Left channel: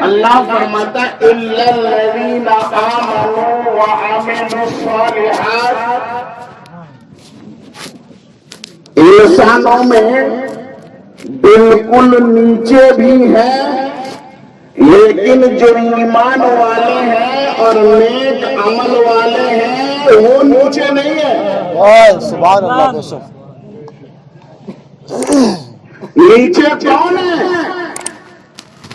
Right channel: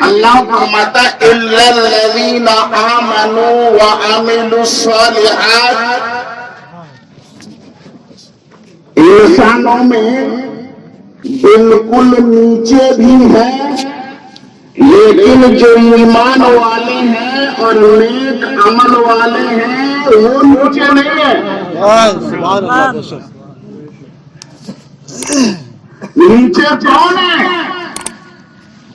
اللہ فرماتا الا الذین آمنوا وعملوا الصالحات، انسانوں میں بالکل نیچے بھی ہیں، لیکن جو ایمان والے ہیں اور نیک عمل والے ہیں وہ نیچے نہیں ہیں۔ سبحان اللہ بے شک۔ نیچے کون ہے؟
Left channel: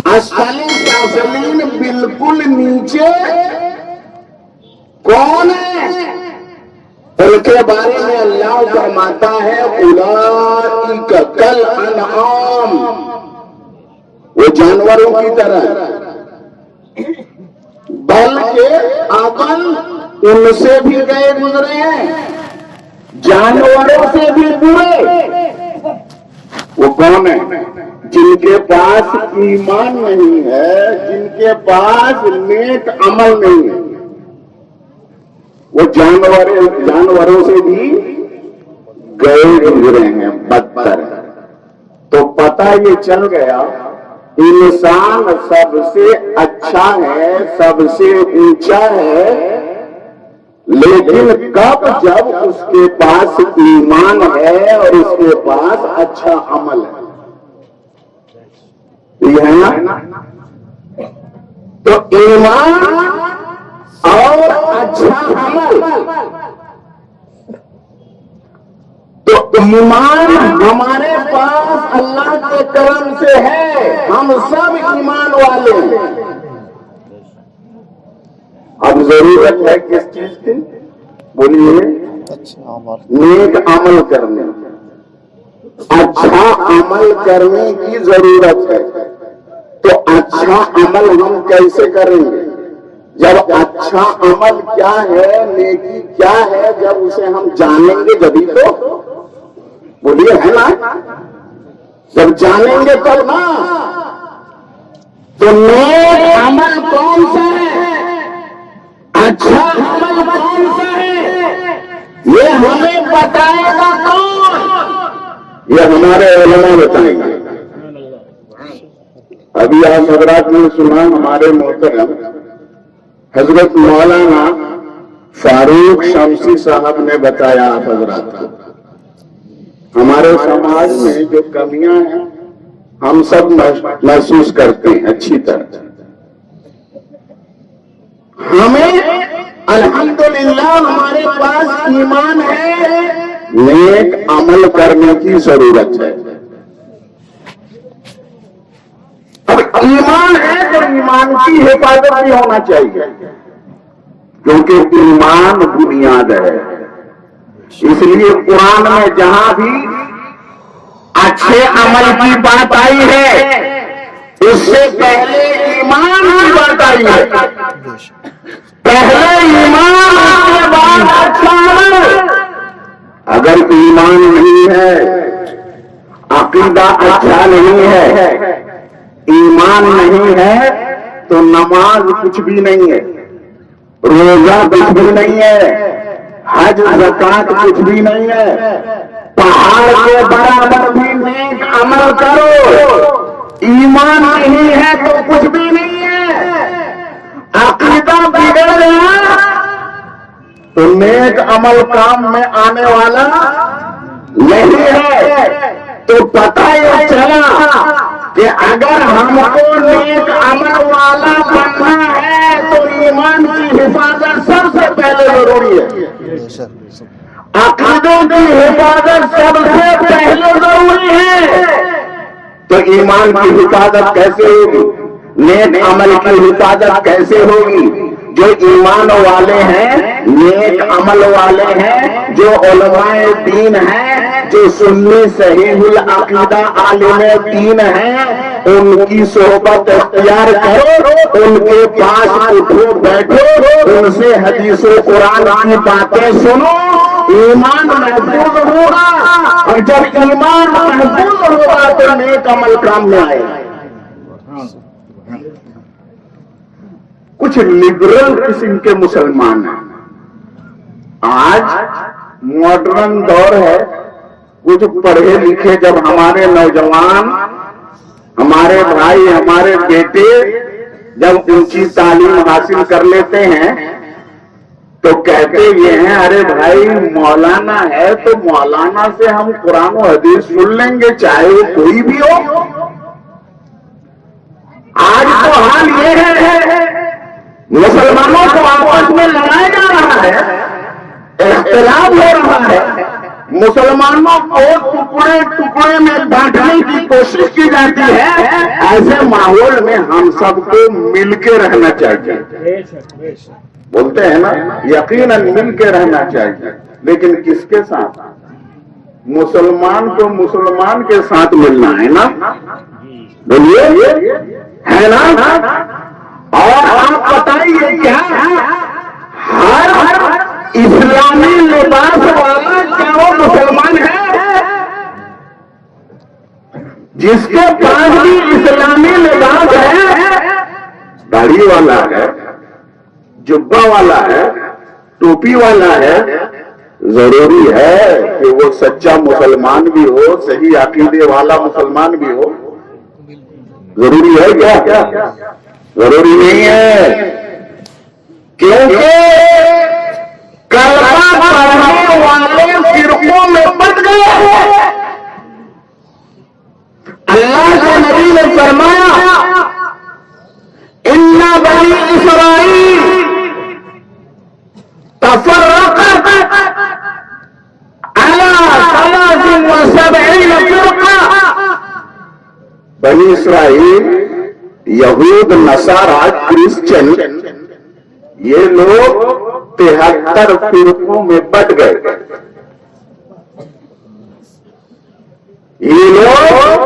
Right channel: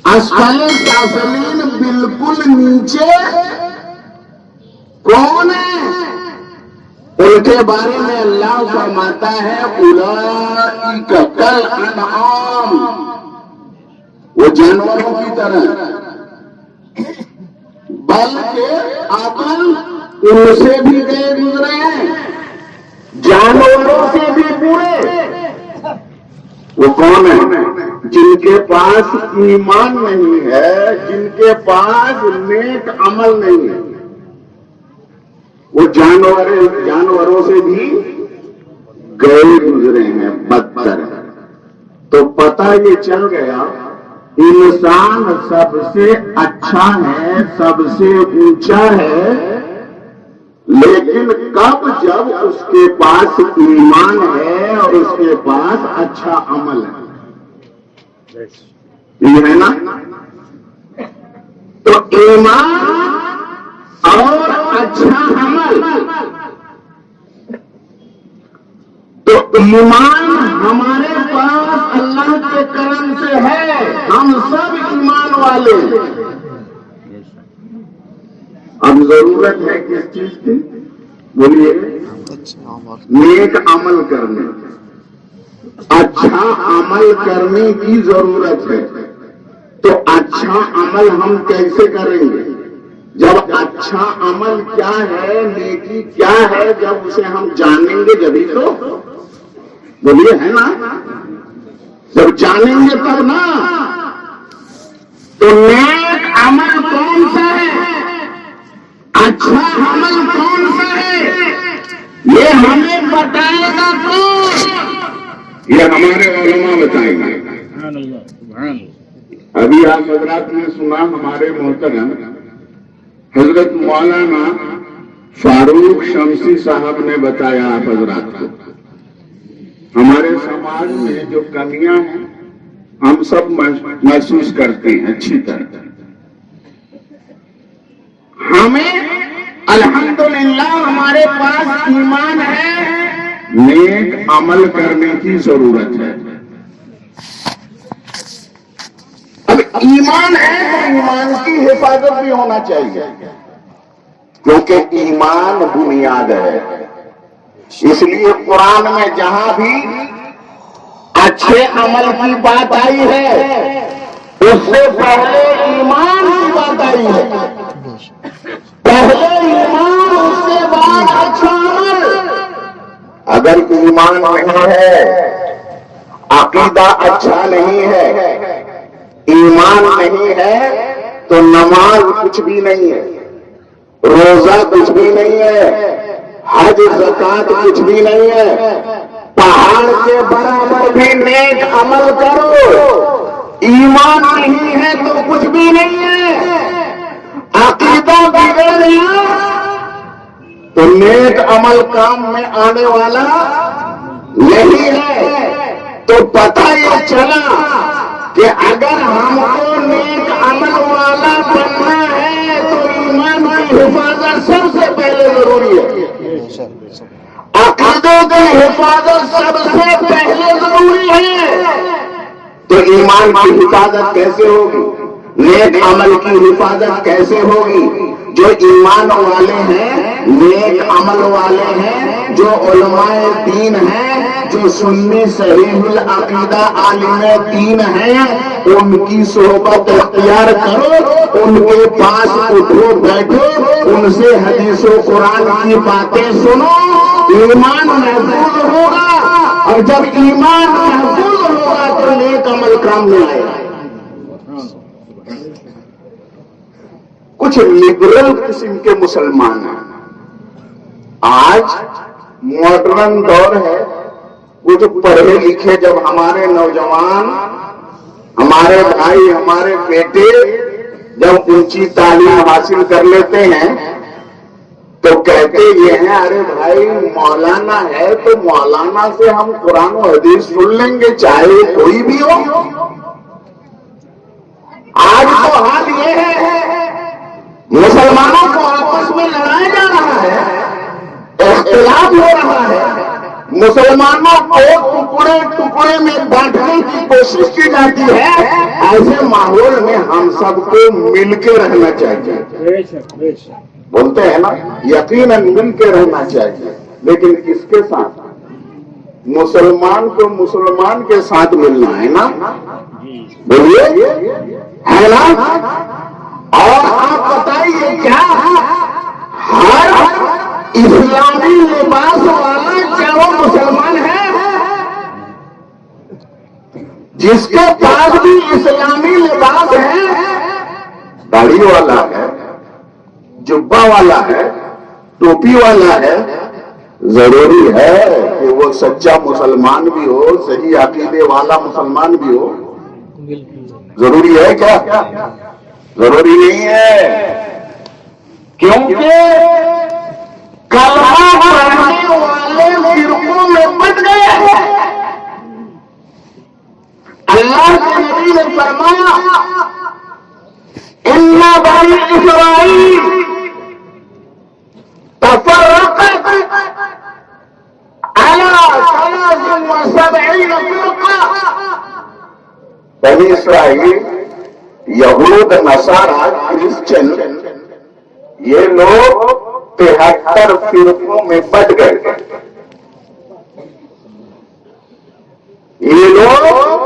اسفل سافلین، بالکل نیچے کون ہے؟ ان کے بارے میں اللہ فرماتا ہے اولئک کالانعام، وہ جانوروں کی طرح، بلکہ اول ان سے بھی گئے گزرے ہیں، جانوروں سے بھی برے۔ وہ کون ہے؟ جن کے پاس ایمان نہیں ہے، جن کے پاس نیک عمل نہیں ہے، وہ جانوروں سے بھی گئے گزرے ہیں، بدتر۔ تو پتہ یہ چل گیا انسان سب سے اچھا ہے، سب سے اونچا ہے، لیکن کب؟ جب اس کے پاس ایمان ہے اور اس کے پاس اچھا عمل ہے، یہ ہے نا؟ تو ایمان اور اچھا عمل، تو ایمان ہمارے پاس اللہ کے کرم سے ہے، ہم سب ایمان والے ہیں۔ اب ضرورت ہے کس چیز کی؟ بولیے، نیک عمل کرنے، اچھا عمل کرنے کی ضرورت ہے۔ تو اچھا عمل ہم کیسے کریں گے؟ جب اچھا عمل کیا ہے، نیکی کیا ہے، جب اسے ہم جانیں گے جبھی تو، بولیے ہے نا؟ جب جانیں گے تب نا۔ تو نیک عمل کون سا ہے، اچھا عمل کون سا ہے، یہ ہمیں بتائے گا کون؟ یہ ہمارے علماء بتائیں گے۔ ابھی آپ حضرات نے سنا، ہمارے محترم حضرت مولانا فاروق شمسی صاحب نے بتایا آپ حضرات کو، ہمارے سماج میں جو کمیاں ہیں ہم سب محسوس کرتے ہیں اچھی طرح۔ ہمیں الحمدللہ ہمارے پاس ایمان ہے، نیک عمل کرنے کی ضرورت ہے۔ اب ایمان ہے تو ایمان کی حفاظت بھی ہونا چاہیے، کیونکہ ایمان بنیاد ہے۔ اس لیے قرآن میں جہاں بھی اچھے عمل کی بات آئی ہے، اس سے پہلے ایمان کی بات آئی ہے۔ پہلے ایمان، اس کے بعد اچھا عمل۔ اگر ایمان نہیں ہے، عقیدہ اچھا نہیں ہے، ایمان نہیں ہے، تو نماز کچھ بھی نہیں ہے، روزہ کچھ بھی نہیں ہے، حج زکات کچھ بھی نہیں ہے۔ پہاڑ کے برابر بھی نیک عمل کرو، ایمان نہیں ہے تو کچھ بھی نہیں ہے۔ عقیدہ بگڑ گیا تو نیک عمل کام میں آنے والا نہیں ہے۔ تو پتہ یہ چلا کہ اگر ہم کو نیک عمل والا بننا ہے تو ایمان کی حفاظت سب سے پہلے ضروری ہے، عقیدے کی حفاظت سب سے پہلے ضروری ہے۔ تو ایمان کی حفاظت کیسے ہوگی؟ نیک عمل کی حفاظت کیسے ہوگی؟ جو ایمان والے ہیں، نیک عمل والے ہیں، جو علماء دین ہیں، جو سنی صحیح العقیدہ عالم دین ہیں، ان کی صحبت اختیار کرو، ان کے پاس اٹھو بیٹھو، ان سے حدیث و قرآن کی باتیں سنو، ایمان محفوظ ہوگا۔ اور جب ایمان محفوظ ہوگا تو نیک عمل کام میں آئے گا۔ کچھ لبرل قسم کے مسلمان ہیں، آج ماڈرن دور ہے، وہ جو پڑھے لکھے جب ہمارے نوجوان، ہمارے بھائی، ہمارے بیٹے جب اونچی تعلیم حاصل کر لیتے ہیں تو کہتے یہ ہیں ارے بھائی مولانا ہے تو مولانا سے ہم قرآن و حدیث سن لیں گے چاہے وہ کوئی بھی ہو. آج تو حال یہ ہے مسلمانوں کو آپس میں لڑایا جا رہا ہے, اختلاف ہو رہا ہے, مسلمانوں کو ٹکڑے ٹکڑے میں بانٹنے کی کوشش کی جاتی ہے. ایسے ماحول میں ہم سب کو مل کے رہنا چاہیے. بولتے ہیں نا یقیناً مل کے رہنا چاہیے, لیکن کس کے ساتھ؟ مسلمان کو مسلمان کے ساتھ ملنا ہے نا, بولیے ہے نا. اور آپ بتائیے کیا ہر اسلامی لباس والا کیا وہ مسلمان ہے؟ جس کے پاس بھی اسلامی لباس ہے, داڑھی والا ہے, جبہ والا ہے, ٹوپی والا ہے, ضروری ہے کہ وہ سچا مسلمان بھی ہو, صحیح عقیدے والا مسلمان بھی ہو. ضروری ہے کیا؟ ضروری نہیں ہے, کیونکہ کلمہ پڑھنے والے فرقوں میں بٹ گئے ہیں. اللہ کے نبی نے فرمایا ان بنی اسرائیل تفرقت على 73 فرقة. بنی اسرائیل یہود نصارہ کرسچن یہ لوگ 73 فرقوں میں بٹ گئے. یہ لوگ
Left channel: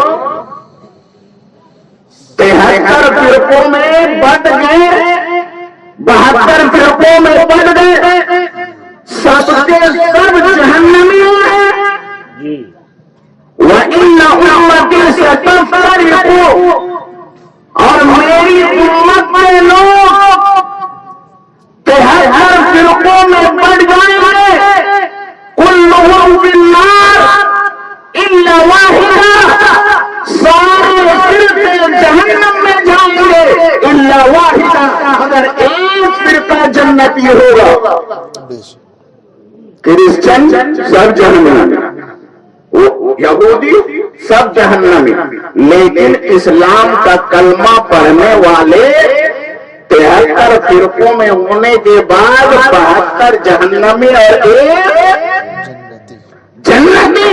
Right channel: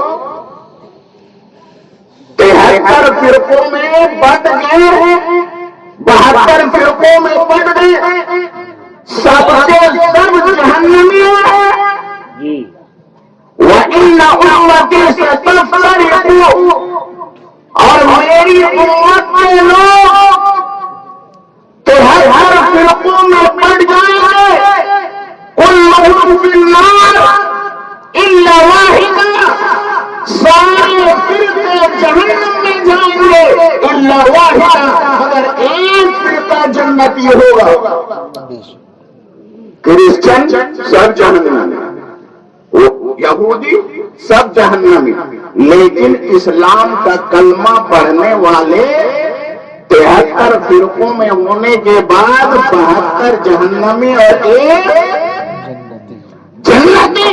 73 فرقوں میں بٹ گئے, 72 فرقوں میں بٹ گئے. سب کے سب جہنمی ہیں. وَإِنَّ أُمَّتِي سَتَفْتَرِقُ, اور میری امت میں لوگ 73 فرقوں میں بٹ جائیں گے. كُلُّهُمْ فِي النَّارِ إِلَّا وَاحِدًا, سارے فرقے جہنم میں جائیں گے إِلَّا وَاحِدًا, مگر ایک فرقہ جنتی ہوگا. کرسچن سب جہنمی, یہودی سب جہنمی, لیکن اسلام کا کلمہ پڑھنے والے 73 فرقوں میں ہونے کے بعد 72 جہنمی اور ایک جنتی.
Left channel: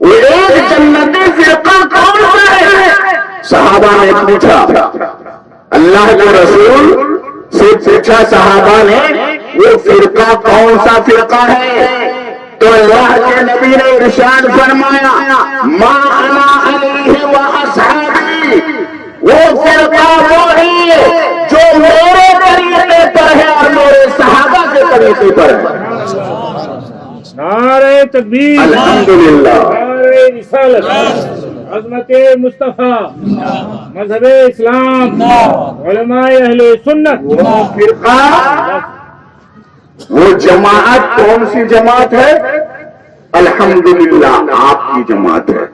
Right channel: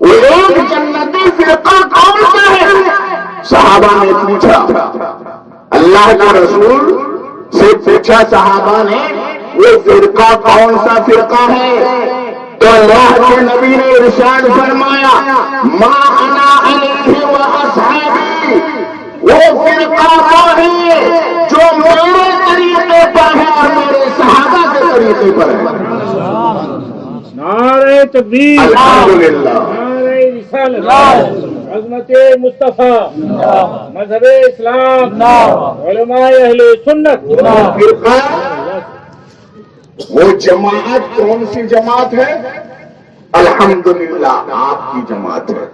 وہ ایک جنتی فرقہ کون سا ہے؟ صحابہ نے پوچھا, اللہ کے رسول سے پوچھا صحابہ نے وہ فرقہ کون سا فرقہ ہے؟ تو اللہ کے نبی نے ارشاد فرمایا ما انا علیہ و اصحابی, وہ فرقہ وہ ہے جو میرے طریقے پر ہے اور میرے صحابہ کے طریقے پر ہے. نعرہ تکبیر, الحمدللہ, نعرہ رسالت, عظمت مصطفیٰ, مذہب اسلام, علماء اہل سنت. فرقہ وہ جماعت کون سی جماعت ہے؟ الحمدللہ آپ کی جماعت ہے.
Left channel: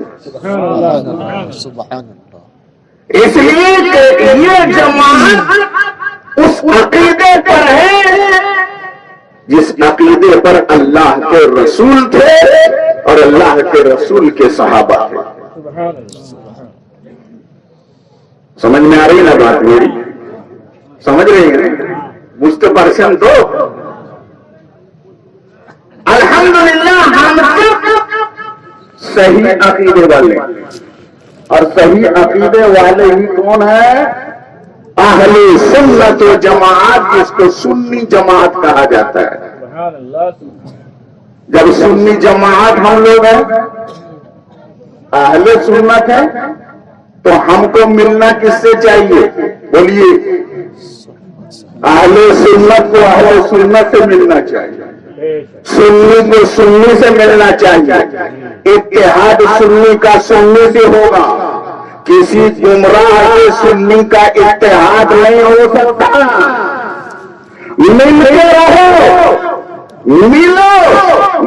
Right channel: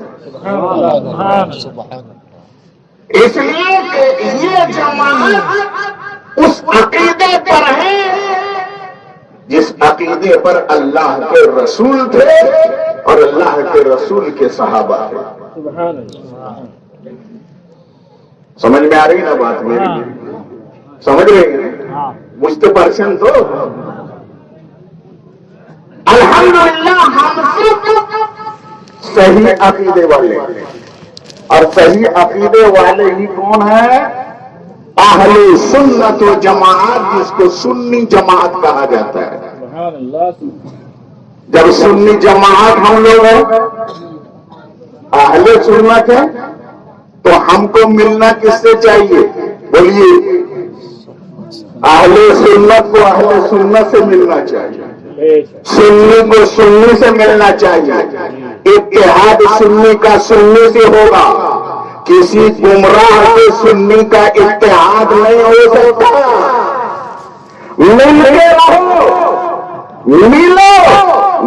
اس لیے کہ یہ جماعت اس عقیدے پر ہے جس عقیدے پر اللہ کے رسول تھے اور اللہ کے رسول کے صحابہ تھے. سمجھ میں آ رہی نا بات میری؟ سمجھ رہی ہیں؟ مجھ پرسن تو الحمدللہ ہم صحیح عقیدے والے, اور صحیح عقیدے والے ہی کون ہیں؟ اہل سنت و جماعت, جس کو سنی جماعت کہا جاتا ہے. جب سنی جماعت ہم لوگ ہیں, اہل سنت ہے, تو ہم کو ملنا کس سے چاہیے؟ بولیے, اہل سنت کو اہل سنت سے ملنا چاہیے, سنی کو سنی سے ملنا چاہیے. اتحاد سنی کا سنی سے ہوگا, کسی گمراہ کے سنی کا اتحاد نہیں ہو سکتا. ملتے رہو, ملو,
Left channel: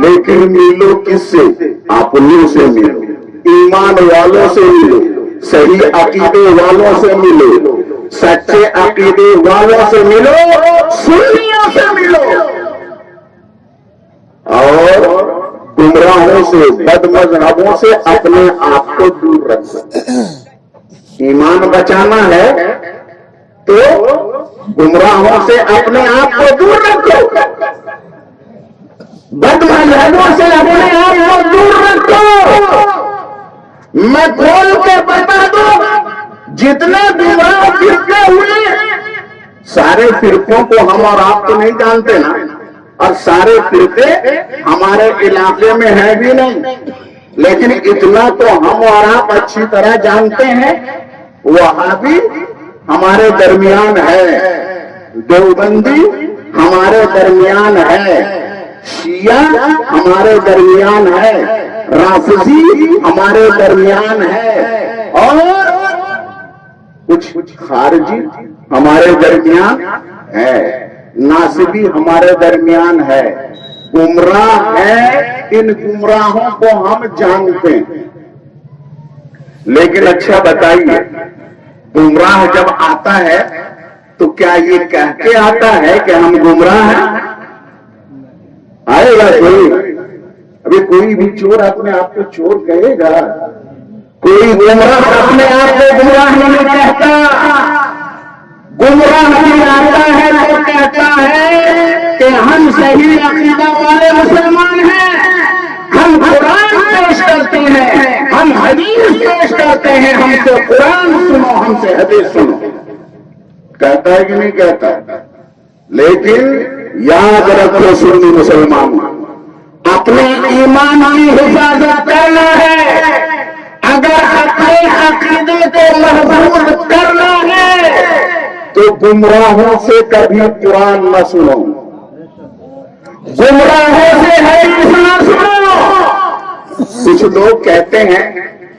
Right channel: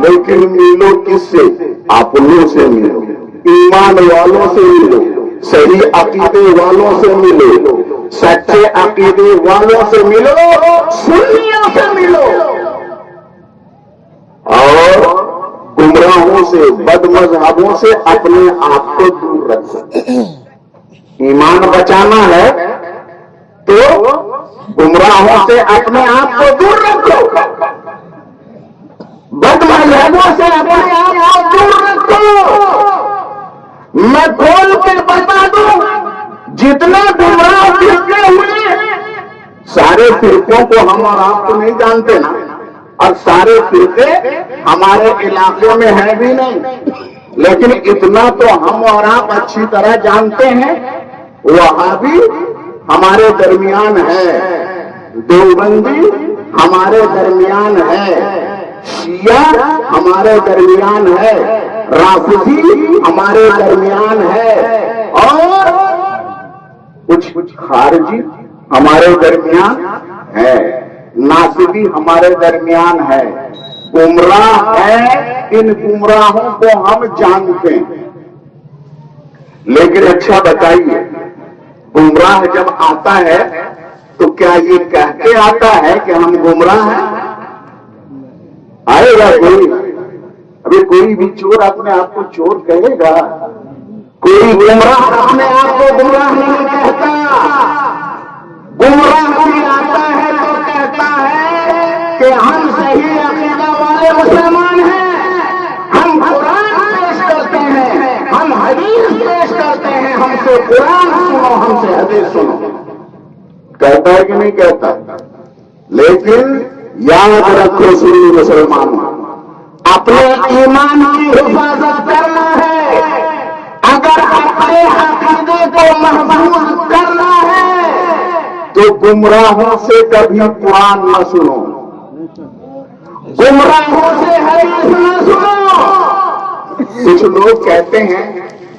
لیکن ملو کس سے؟ اپنوں سے ملو, ایمان والوں سے ملو, صحیح عقیدے والوں سے ملو، سچے عقیدے والوں سے ملو، سنیوں سے ملو، اور گمراہوں سے، بد مذہبوں سے اپنے آپ کو دور رکھو۔ ایمان بچانا ہے تو گمراہوں سے اپنے آپ کو دور رکھو، بد مذہبوں سے اپنے آپ کو دور رکھو۔ میں کھول کر بتا دوں، جتنا گمراہ فرقے ہوئے، سارے فرقوں کو ہم اور آپ تو نہیں جانتے نا، اور سارے فرقے ہمارے علاقے میں ہیں بھی نہیں، لیکن اتنا تو ہم اور آپ اچھی طرح جانتے ہیں، وہابی ہمارے درمیان ہے، دیوبندی ہمارے درمیان ہے، شیعہ ہمارے درمیان ہے، رافضی ہمارے درمیان ہے، اور کچھ خارجی ہمارے درمیان ہے، ناصبی ہمارے درمیان ہے، گمراہ ہے۔ ان گمراہوں کو ہم جانتے ہیں، لیکن اچھا بتائیے، گمراہ جب آتا ہے تو کیا یہ کہہ کے آتا ہے کہ ہم گمراہ ہیں؟ آئے گا کوئی؟ ابھی کوئی بھی چور اپنے آپ کو چور کہے گا؟ کوئی گمراہ اپنے آپ کو گمراہ نہیں کہتا۔ گمراہ نہیں آتا ہے تو کہتا ہے کہ ہم صحیح عقیدہ والے مسلمان ہیں، ہم قرآن پیش کرتے ہیں، ہم حدیث پیش کرتے ہیں، ہم سے قرآن سنو، ہم سے حدیث سنو۔ کہتا ہے کہ نہیں کہتا؟ لیکن یاد رکھو سنی مسلمان، اپنے ایمان کی حفاظت کرنا ہے، اگر اپنے عقیدے کو محفوظ کرنا ہے تو گمراہوں سے کبھی قرآن نہ سنو، گمراہوں سے حدیث نہ سنو۔ کچھ لوگ کہتے ہیں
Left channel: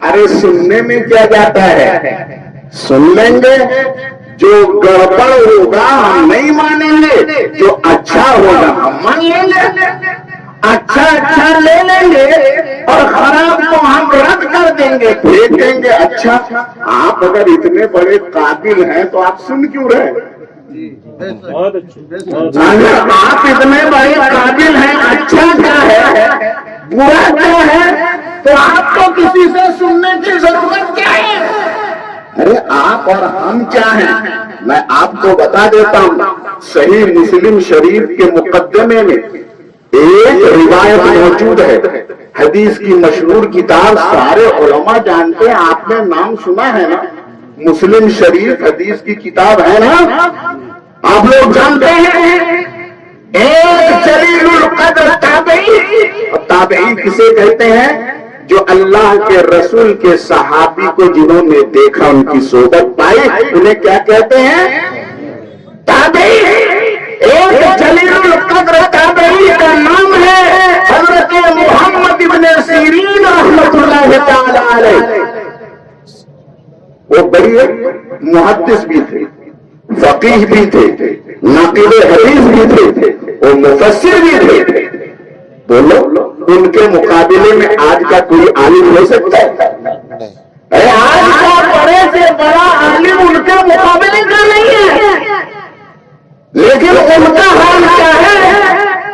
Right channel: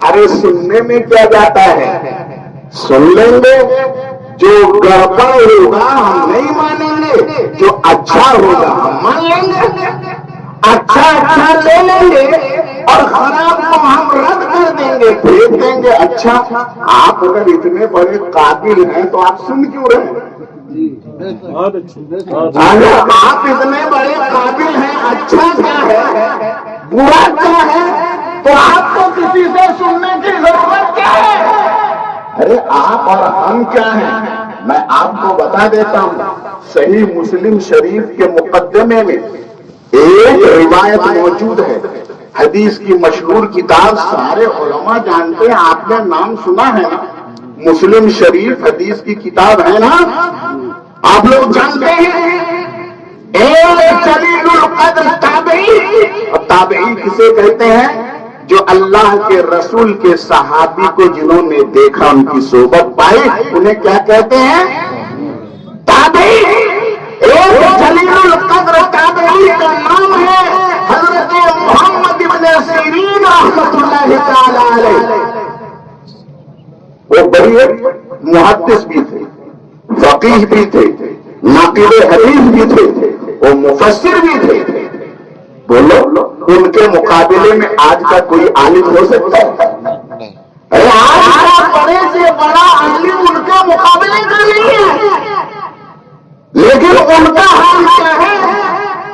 ارے سننے میں کیا جاتا ہے، سن لیں گے، جو گڑبڑ ہوگا ہم نہیں مانیں گے، جو اچھا ہوگا ہم مان لیں گے، اچھا لے لیں گے اور خراب کو ہم رد کر دیں گے، پھینک دیں گے۔ اچھا، آپ اگر اتنے بڑے قابل ہیں تو آپ سن کیوں رہے؟ بہت اچھی، آپ اتنے بڑے قابل ہیں، اچھا کیا ہے، برا کیا ہے، تو آپ کو کسی سے سننے کی ضرورت کیا ہے؟ ارے آپ اور ہم کیا ہیں؟ میں آپ کو بتا دیتا ہوں، صحیح مسلم شریف کے مقدمے میں ایک روایت موجود ہے، حدیث کی مشہور کتاب سارے علماء جانتے ہیں، آپ نے نام سنا ہے نا، مسلم شریف حدیث کی کتاب ہے نا، آپ لوگ جانتے ہیں۔ ایک جلیل القدر تابعی کسے کہتے ہیں؟ جو اللہ کے رسول کے صحابی کو جنہوں نے دیکھا، ان کی صحبت پائی، انہیں کیا کہتے ہیں؟ تابعی۔ ایک جلیل القدر تابعی کا نام ہے حضرت محمد ابن سیرین رحمۃ اللہ تعالی علیہ۔ وہ بڑے محدث بھی تھے، فقیہ بھی تھے، ناقد حدیث بھی تھے، وہ مفسر بھی تھے۔ بولو، ان کے مقابلے میں آج کا کوئی عالم ہو سکتا ہے؟ آج کا بڑے سے بڑا عالم ان کا مقابلے کا نہیں ہے، لیکن ان کا حال کیا ہے؟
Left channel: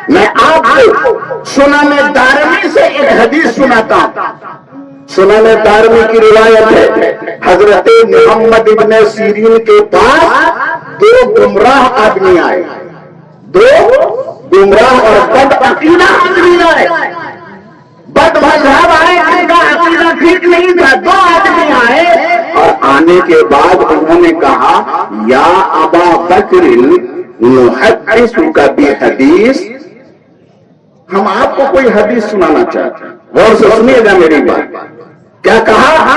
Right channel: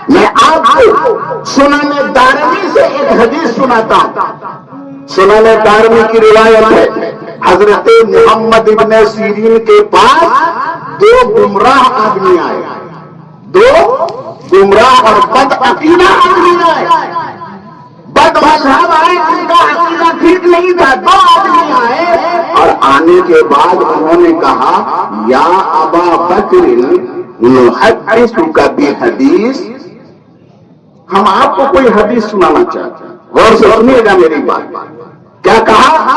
میں آپ کو سنن دارمی سے ایک حدیث سناتا ہوں۔ سنن دارمی کی روایت ہے، حضرت محمد ابن سیرین کے پاس دو گمراہ آدمی آئے، دو گمراہ اور بد عقیدہ آدمی آئے، بد مذہب آئے، ان کا عقیدہ ٹھیک نہیں تھا۔ دو آدمی آئے اور آنے کے بعد انہوں نے کہا، یا ابا بکر نحدثک بحدیث، ہم آپ کو کوئی حدیث سنانا چاہتے ہیں، غور سے سنیے گا میری بات۔ کیا کہا؟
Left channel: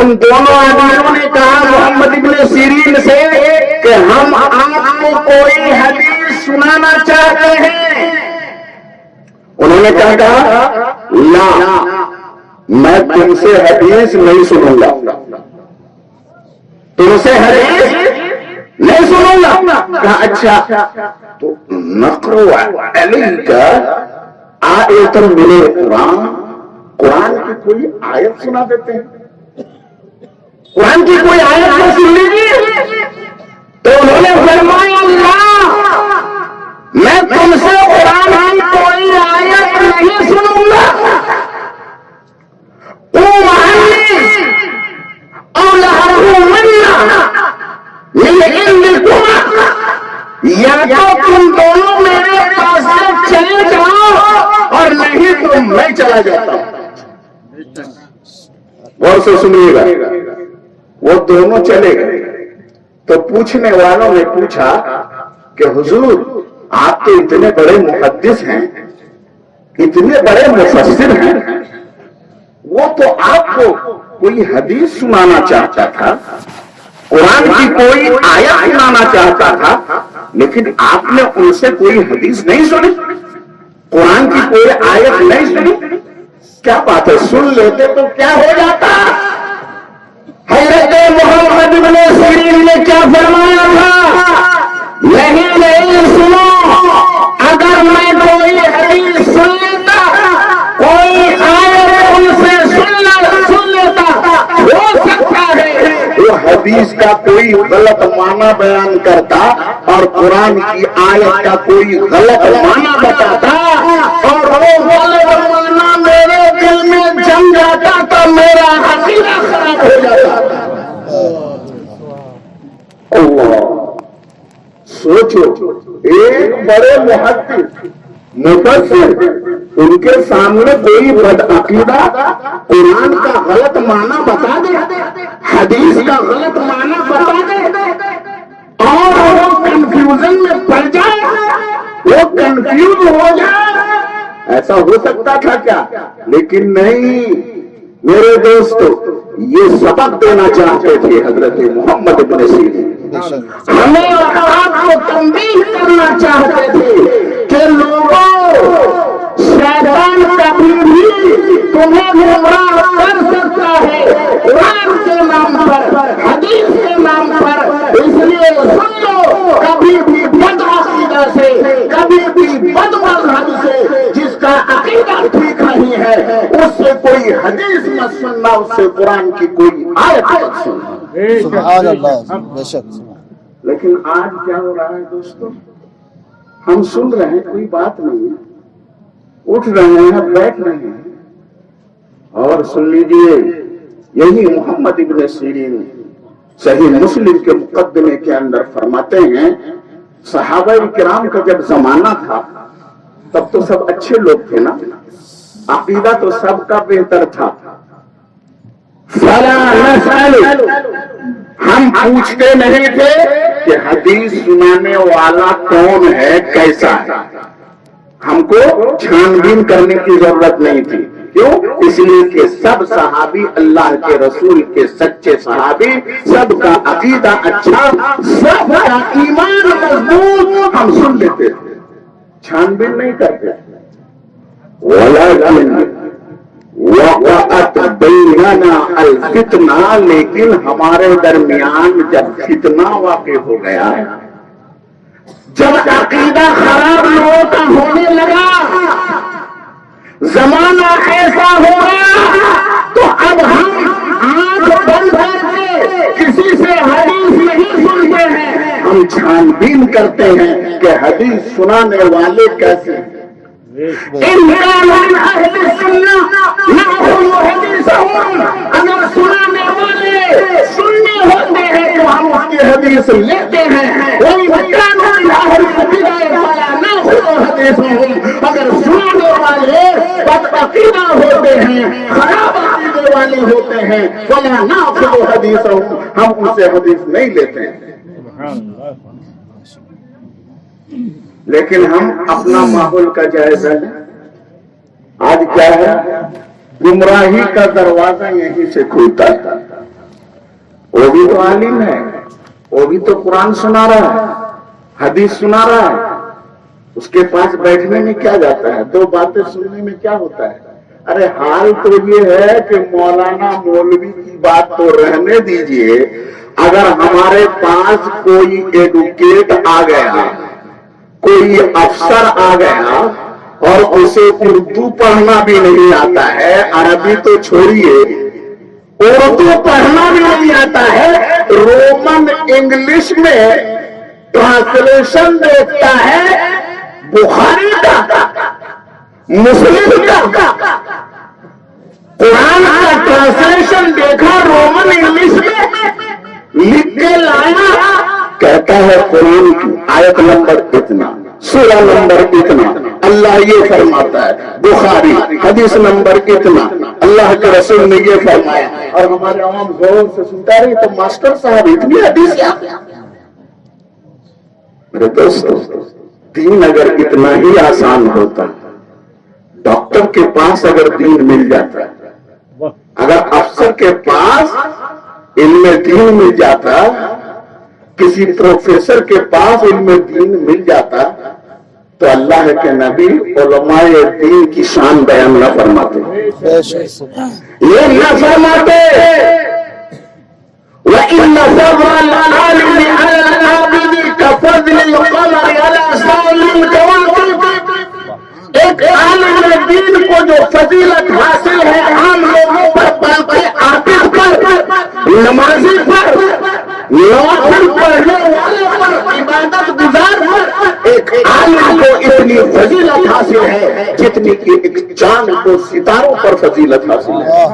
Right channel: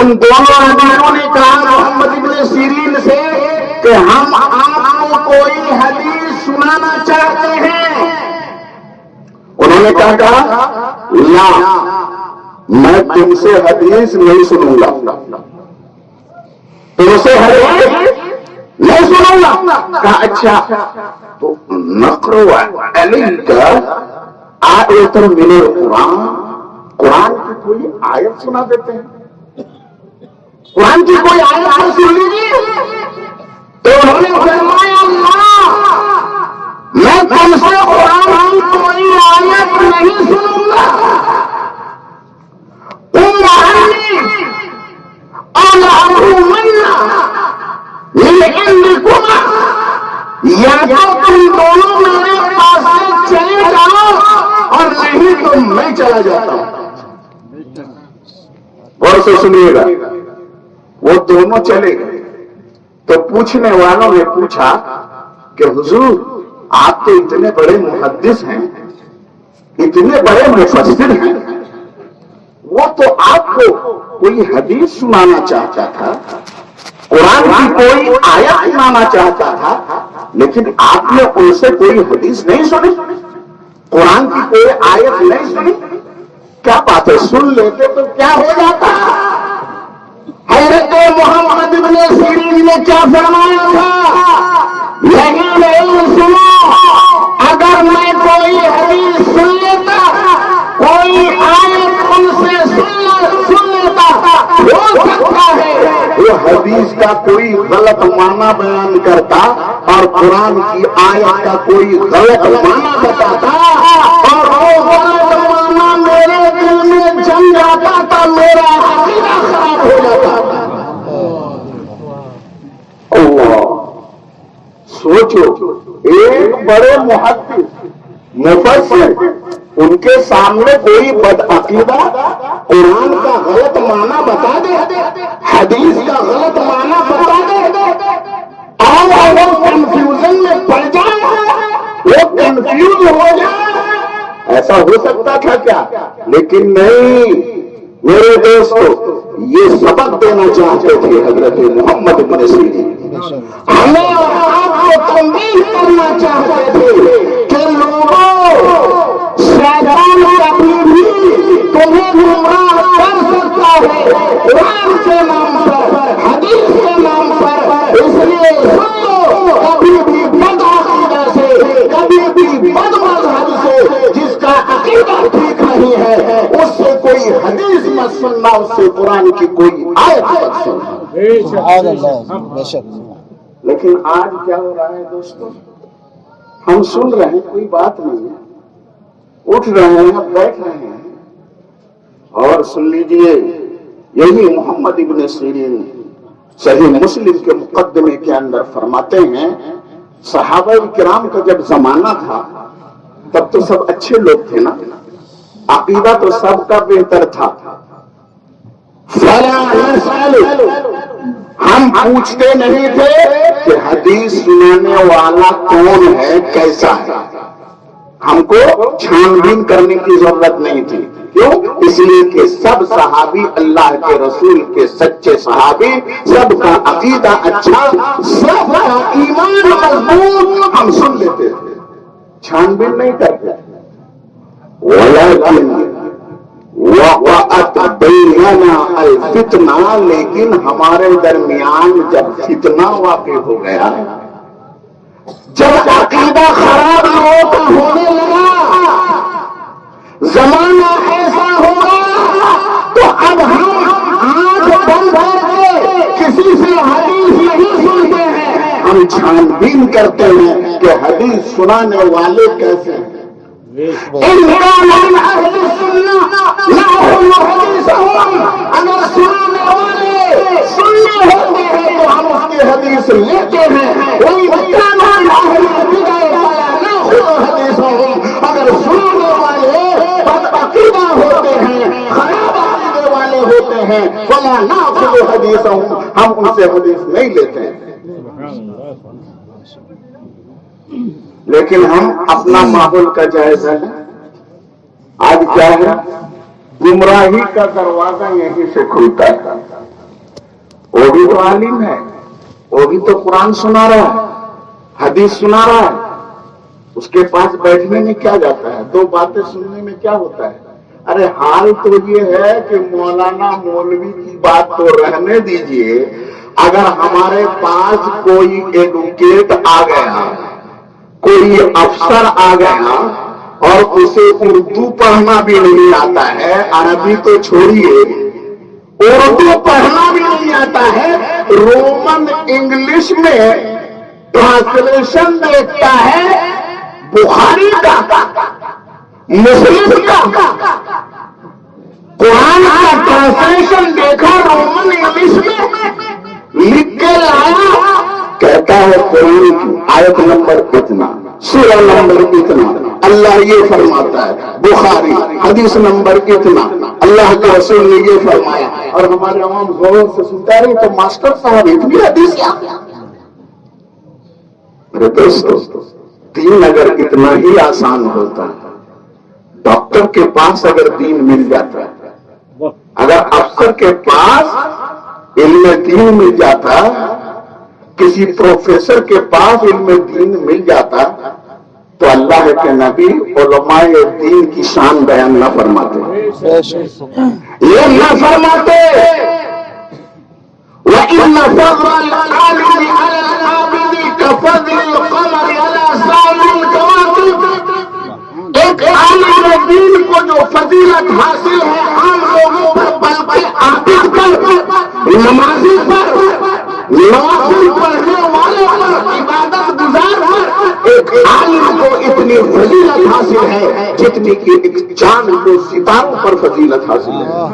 ان دونوں آدمیوں نے کہا محمد ابن سیرین سے کہ ہم آپ کو کوئی حدیث سنانا چاہتے ہیں۔ انہوں نے کیا کہا؟ لا، میں تم سے حدیث نہیں سنوں گا، تم سے حدیث نہیں سنوں گا۔ کہا اچھا، تو نقرؤ علیک آیۃ من القرآن، قرآن کی کوئی آیت سنا دیتے ہیں۔ قرآن کی کوئی آیت کو سن لیجیے تو انہوں نے فرمایا اللہ میں تم سے قرآن کی کوئی آیت نہیں سنوں گا یا تو تم دونوں میرے پاس سے چلے جاؤ اور نہیں تو میں چلا جاتا ہوں. غور سے سنیے گا. وہ دونوں چلے گئے تو پوچھنے والوں نے پوچھا کہ حضور آپ تو اتنے بڑے محدث ہیں, اتنے بڑے مفسر ہیں, وہ تو آپ کو کوئی حدیث سنانا چاہتا تھا, قرآن کی کوئی آیت سنانا چاہتا تھا, لیکن آپ نے ان سے کوئی حدیث نہیں سنی, قرآن کی کوئی آیت نہیں سنی. کیا بات ہے, سن لیتے تو کیا ہو جاتا. حضرت محمد ابن سیرین نے کیا فرمایا تھا, نہیں سنا, اگر میں کوئی حدیث سن لیتا, کوئی آیت ان سے سن لیتا, ہو سکتا ہے وہ حدیث کا کوئی غلط معنی بیان کرتا اور قرآن کی آیت کا کوئی غلط معنی بتاتا, اور وہ غلط معنی میرے دل میں جم جاتا تو میرا عقیدہ خراب ہو جاتا. اللہ سوچو, ایک بڑے محدث مفسر, ان کے سامنے کوئی بدعقیدہ قرآن کا غلط معنی بتا دے, حدیث کا غلط معنی بتا دے, اور وہ کنفیوژن میں پڑ جائے, وہ کنفیوز ہو جائے. ایسا ہو سکتا تھا کیا؟ لیکن نہیں میرے دوستو, یہ سبق دینا چاہتے تھے حضرت محمد بن سیرین. ہمیں آپ کو تنبیہ کرنا چاہتے تھے کہ لوگوں, شیطان کبھی بھی تمہیں گمراہ کر سکتا ہے قرآن کے نام پر, حدیث کے نام پر. اس لیے سن لو, کبھی بھی بد عقیدہ سے, کبھی بھی بد مذہب سے, جس کا عقیدہ ٹھیک نہیں ہے, اس سے کوئی حدیث مت سننا, اس سے قرآن کی کوئی آیت مت سننا. سبحان اللہ, بے شک. لیکن آج کیا ہو رہا ہے دوستو, ہم سن رہے ہیں, کوئی بات نہیں ہے, اٹھ رہے ہیں, بیٹھ رہے ہیں, اور سن لیجئے یہی محمد ابن سیرین صحیح مسلم کے مقدمے کے اندر فرماتے ہیں, صحابہ کرام کا جب زمانہ تھا تب تو سب اچھے لوگ تھے نا, عقیدہ تو سب کا بہتر تھا. فلا نسأل, ہم پوچھتے نہیں تھے کہ حدیث سنانے والا کون ہے, کیسا ہے, ہم کو چھان بین کرنے کی ضرورت نہیں تھی. کیوں؟ اس لیے کہ سب صحابی اللہ کے رسول کے سچے صحابی, سب کا عقیدہ اچھا, سب کا ایمان مضبوط, ہم سن لیتے تھے, چھان بین نہیں کرتے. ولیکن وقعت بیننا الفتنہ, لیکن ہمارے درمیان جب فتنہ واقع ہو گیا, جب عقیدہ خراب ہونے لگا, زمانہ ایسا ہوگا تو اب ہم آنکھ بند کر کے کسی سے حدیث نہیں سنتے ہیں, ہم چھان بین کرتے ہیں کہ حدیث سنانے والے کیسے ہیں. اگر سنانے والے سننے ہوتے ہیں تو ہم اس کی حدیث لیتے ہیں. اگر سنانے والے بدعقیدہ ہوتے ہیں, خراب عقیدے والے ہوتے ہیں, فلا ناخذ حدیثهم, ہم ان سے حدیث نہیں لیتے ہیں. لیکن ہم اپنا ماحول کا جائزہ لیں. آج کیا ہے, گمراہی کا دروازہ یہیں سے کھلتا ہے. وہ بھی تو عالم ہے, وہ بھی تو قرآن سنا رہا ہے, حدیث سنا رہا ہے, اس کے پاس بیٹھنے میں کیا جاتا ہے, دو باتیں سننے میں کیا ہوتا ہے. ارے حال تو یہ ہے کہ مولانا مولوی کی بات تو رہنے دیجئے, اگر ہمارے پاس کوئی ایڈوکیٹ آ گیا, کوئی افسر آ گیا اور اسے اردو پڑھنا بھی نہیں آتا ہے, عربی تو چھوڑیے, اردو پڑھنا بھی نہیں آتا ہے، رومن انگلش میں ٹرانسلیشن دیکھتا ہے بخاری کا، مسلم کا، قرآن کا ٹرانسلیشن دیکھا رومن انگلش میں لکھ کے لایا، کہتا ہے قرآن کی آیت نمبر اتنا، سورہ نمبر اتنا، اللہ یہ فرماتا ہے، بخاری حدیث نمبر اتنا، اللہ کے رسول نے یہ فرمایا، اور ہمارے عوام غور سے سنتا رہے تو ماسٹر صاحب اتنی حدیث کیا؟ دوستو دین اگر اتنا ہی آسان ہوتا، ڈاکٹر کے پاس اگر دین مل جاتا، اگر افسر کے پاس علم دین مل جاتا، کسی پروفیسر کے پاس علم دین مل جاتا، تو اللہ کے نبی علماء دین کی شان بیان نہ فرماتے، یہ نہ فرماتے وَإِنَّ فَضْلَ الْعَالِمِ عَلَى الْعَابِدِ كَفَضْلِ الْقَمَرِ عَلَى سَائِرِ الْكَوَاكِبِ۔ ایک عالم دین کو جو فضیلت حاصل ہے عام لوگوں پر، باقی عابد پر، نمازی پر، نوافل پڑھنے والوں پر، عبادت گزار پر، ایک عالم کو اتنی فضیلت حاصل ہے جتنی کہ ایک چاند کو ستاروں پر فضیلت حاصل ہے۔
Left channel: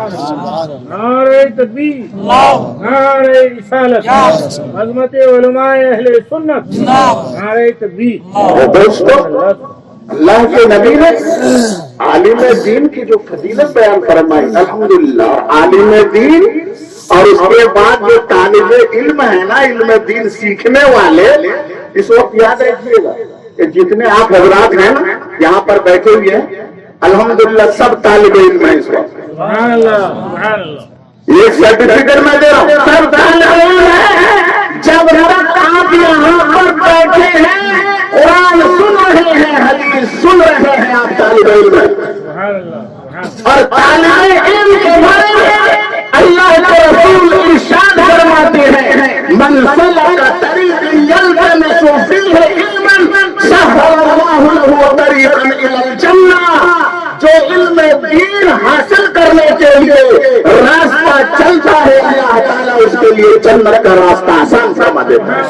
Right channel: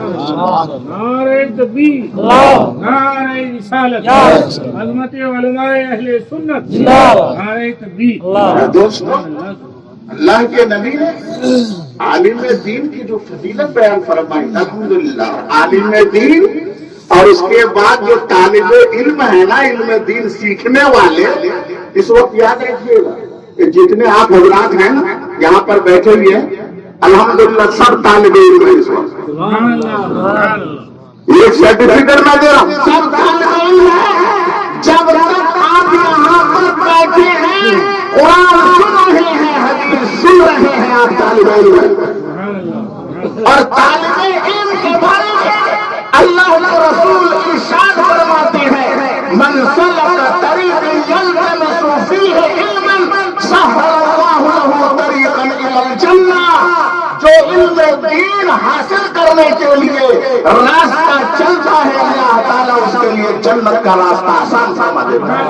نعرہ تکبیر، نعرہ رسالت، عظمت علماء اہل سنت، نعرہ تکبیر۔ دوستو اللہ کے نبی نے عالم دین کی جو فضیلت بیان فرمائی، الحمدللہ عالم دین، اور اس کے بعد جو طالب علم ہے نا، علم دین سیکھنے والے، اس وقت یاد رکھیے گا کہ جتنے آپ حضرات ہیں نا یہاں پر بیٹھے ہوئے ہیں، الحمدللہ سب طالب علم ہیں اس وقت۔ سبحان اللہ، سبحان اللہ۔ ایک سرٹیفکیٹ میں دے رہا ہوں، سب طالب علم ہیں۔ جب تک آپ یہاں پر بیٹھے ہیں، قرآن سن رہے ہیں، حدیث سن رہے ہیں، آپ طالب علم ہیں۔ سبحان اللہ۔ اور طالب علم کے بارے میں اللہ کے رسول ارشاد فرماتے ہیں، من سلک طریقا یلتمس فیہ علما سہل اللہ لہ طریقا الی الجنہ۔ جو علم دین حاصل کرنے کے لیے راستہ چلتا ہے، اللہ تعالیٰ اس کے لیے جنت کا راستہ آسان فرما دیتا ہے۔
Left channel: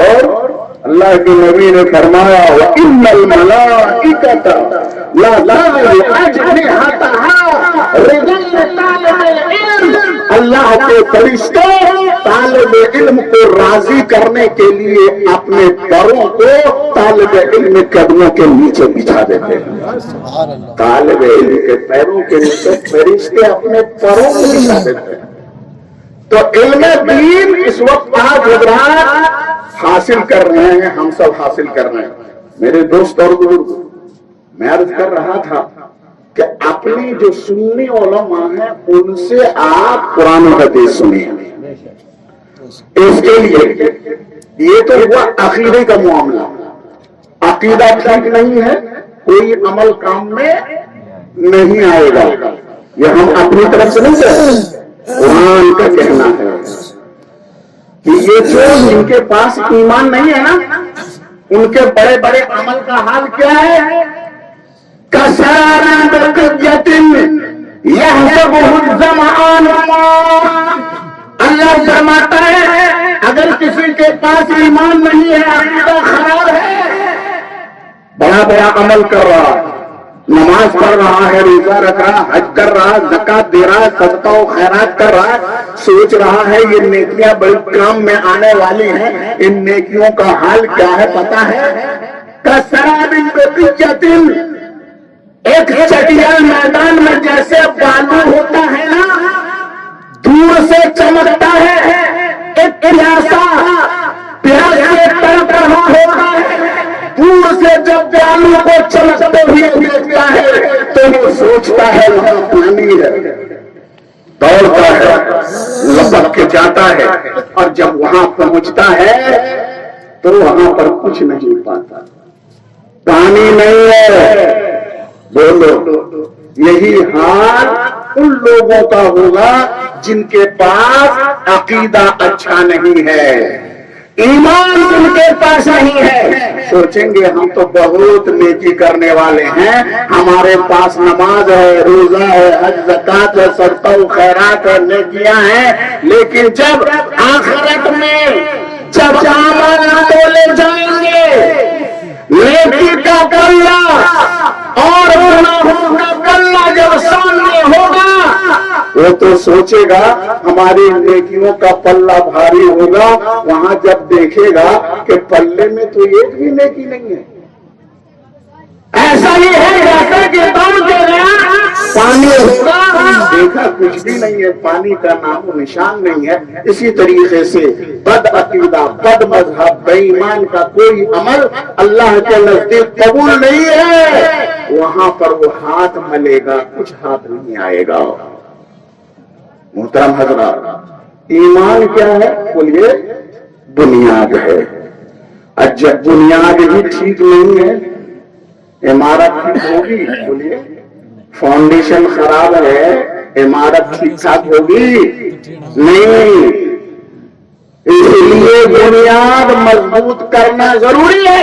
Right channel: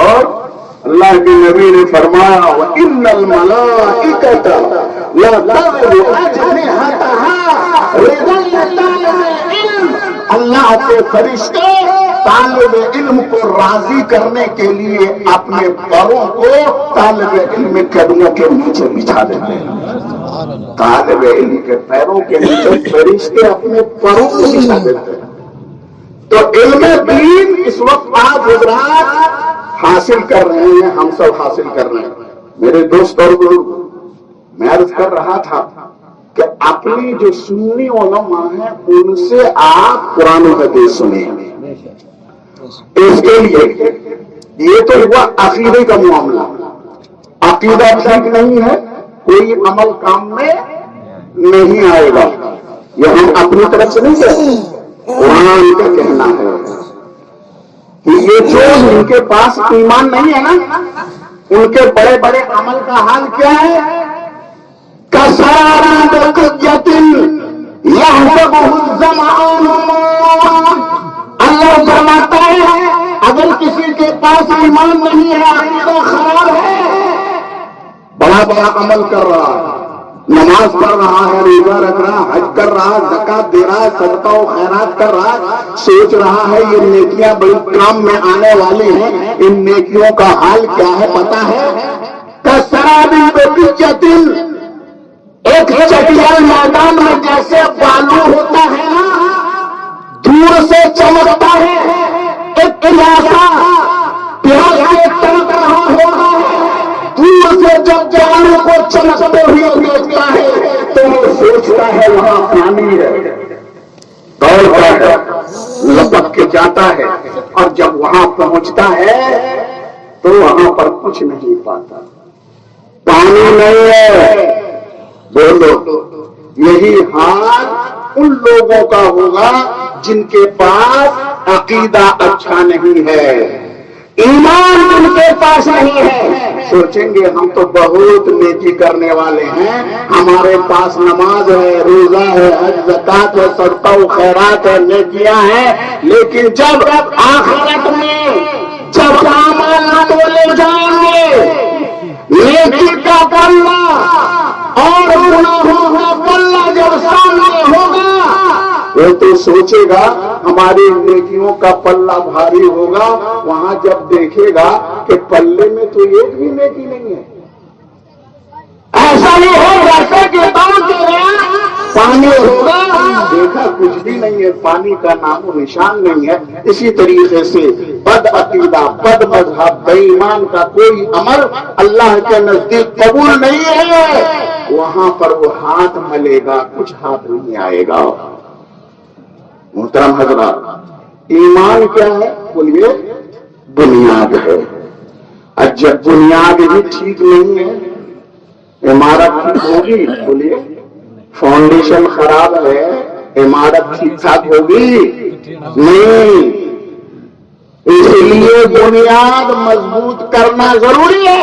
اور اللہ کے نبی نے فرمایا وَإِنَّ الْمَلَائِكَةَ لَتَضَعُ أَجْنِحَتَهَا رِضًا لِطَالِبِ الْعِلْمِ۔ اللہ کے فرشتے طالب علم کو راضی کرنے کے لیے اپنے پروں کو طالب علم کے قدموں کے نیچے بچھا دیتے ہیں۔ طالب علم کے پیروں کے نیچے فرشتے اپنے پروں کو بچھا دیتے ہیں۔ تو علم دین اس وقت آج حضرات حاصل کر رہے ہیں، ہم سب حاصل کر رہے ہیں۔ میرے دوست اور بزرگ، میں عرض کر رہا تھا کہ اپنی جو سنی علماء ہیں ان سے آپ قرآن و حدیث سنیں۔ اس کے لیے یہ تو ہوا عقیدے کا معاملہ، عقیدہ ٹھیک نہیں ہے کوئی عمل کام میں نہیں آئے گا، یہ ہم اپنی طرف سے نہیں کہتے، قرآن کا کہنا ہے کہ یہ جو ان کے پاس ایمان نہیں ہے نا، ان کے بڑے بڑے عمل کا حال کیا ہے؟ کسرار بقیت یحسبہ الظمآن ماء۔ اللہ فرماتا ہے اگر کسی کے پاس ایمان نہیں ہے، عقیدہ خراب ہے، بڑا بڑا عمل کر رہا، نماز پڑھ رہا ہے، روزہ رکھ رہا، حج کر رہا، زکات دے رہا، صدقہ و خیرات کر رہا، سوچ رہا ہے یہ نیکیاں بڑی کام میں آنے والی ہیں، ان نیکیوں کا حال کیا ہے پتا ہے؟ کسراب بقیت، ایک چٹیل میدان میں جیسے بالو ہوتا ہے نا، دور سے چمکتا ہے، ایک پیاسا پیاسے تڑپ رہا ہوتا ہے، دور سے جب بالو کو چمکتے ہوئے دیکھتا ہے تو وہ سوچتا ہے وہاں پانی ہے، دوڑتا ہے، لپک کے جاتا ہے، اور جب وہاں پہنچتا ہے تو وہاں پر کچھ نہیں پاتا، پانی نہیں ہے۔ بولو، یہی حال ان لوگوں کا ہوگا جن کے پاس عقیدہ اچھا نہیں ہے، ایمان جن کے پاس نہیں ہے سوچیں گے ہم تو بہت نیکی کرنے والے ہیں، ہمارے پاس نماز ہے، روزہ ہے، حج زکات ہے، صدقہ و خیرات ہے، نیکیاں ہیں، لیکن جب آخرت میں جب اعمال تولے جائیں گے، نیکی کا پلہ اور گناہوں کا پلہ جب سامنے ہوگا، وہ تو سوچے گا ہماری نیکیوں کا پلہ بھاری ہوگا، وہاں جب دیکھے گا کہ پلے میں تو ایک بھی نیکی نہیں ہے، ایسا نہیں ہے جیسے کہ پانی ہوگا، دیکھا کچھ بھی نہیں ہے، پانی کا نام و نشان نہیں ہے۔ اسی طریقے سے بد عقیدہ، بد مذہب، بے ایمان کا کوئی عمل اللہ کے نزدیک قبول نہیں ہے، وہاں پر وہ ہاتھ ملے گا، کچھ ہاتھ نہیں آئے گا۔ محترم حضرات، ایمان کیا ہے؟ بولیے بنیاد ہے۔ جب بنیاد ہی ٹھیک نہیں ہے، عمارت ٹھیک ہوگی؟ بولیے فاؤنڈیشن خراب ہے، عمارت ٹھیک ٹھاک ہوگی نہیں۔ اس لیے بنیاد مضبوط کرنا ضروری ہے،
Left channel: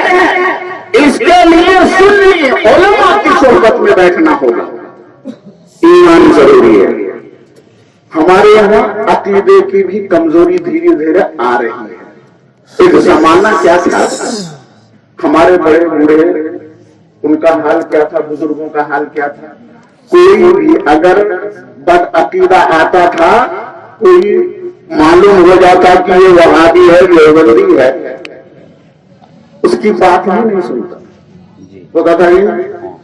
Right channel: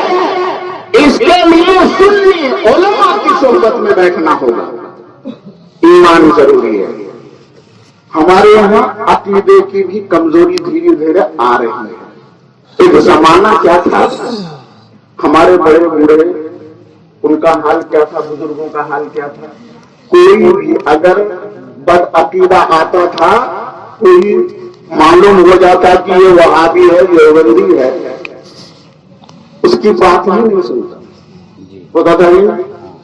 اس کے لیے سنی علماء کی صحبت میں بیٹھنا ہوگا، ایمان ضروری ہے۔ ہمارے یہاں عقیدے کی بھی کمزوری دھیرے دھیرے آ رہی ہے۔ ایک زمانہ کیا تھا، ہمارے بڑے بوڑھے ان کا حال کیا تھا، بزرگوں کا حال کیا تھا، کوئی بھی اگر بد عقیدہ آتا تھا، کوئی معلوم ہو جاتا کہ یہ وہابی ہے، دیوبندی ہے، اس کی بات ہی نہیں سنتا، وہ کہتا ہے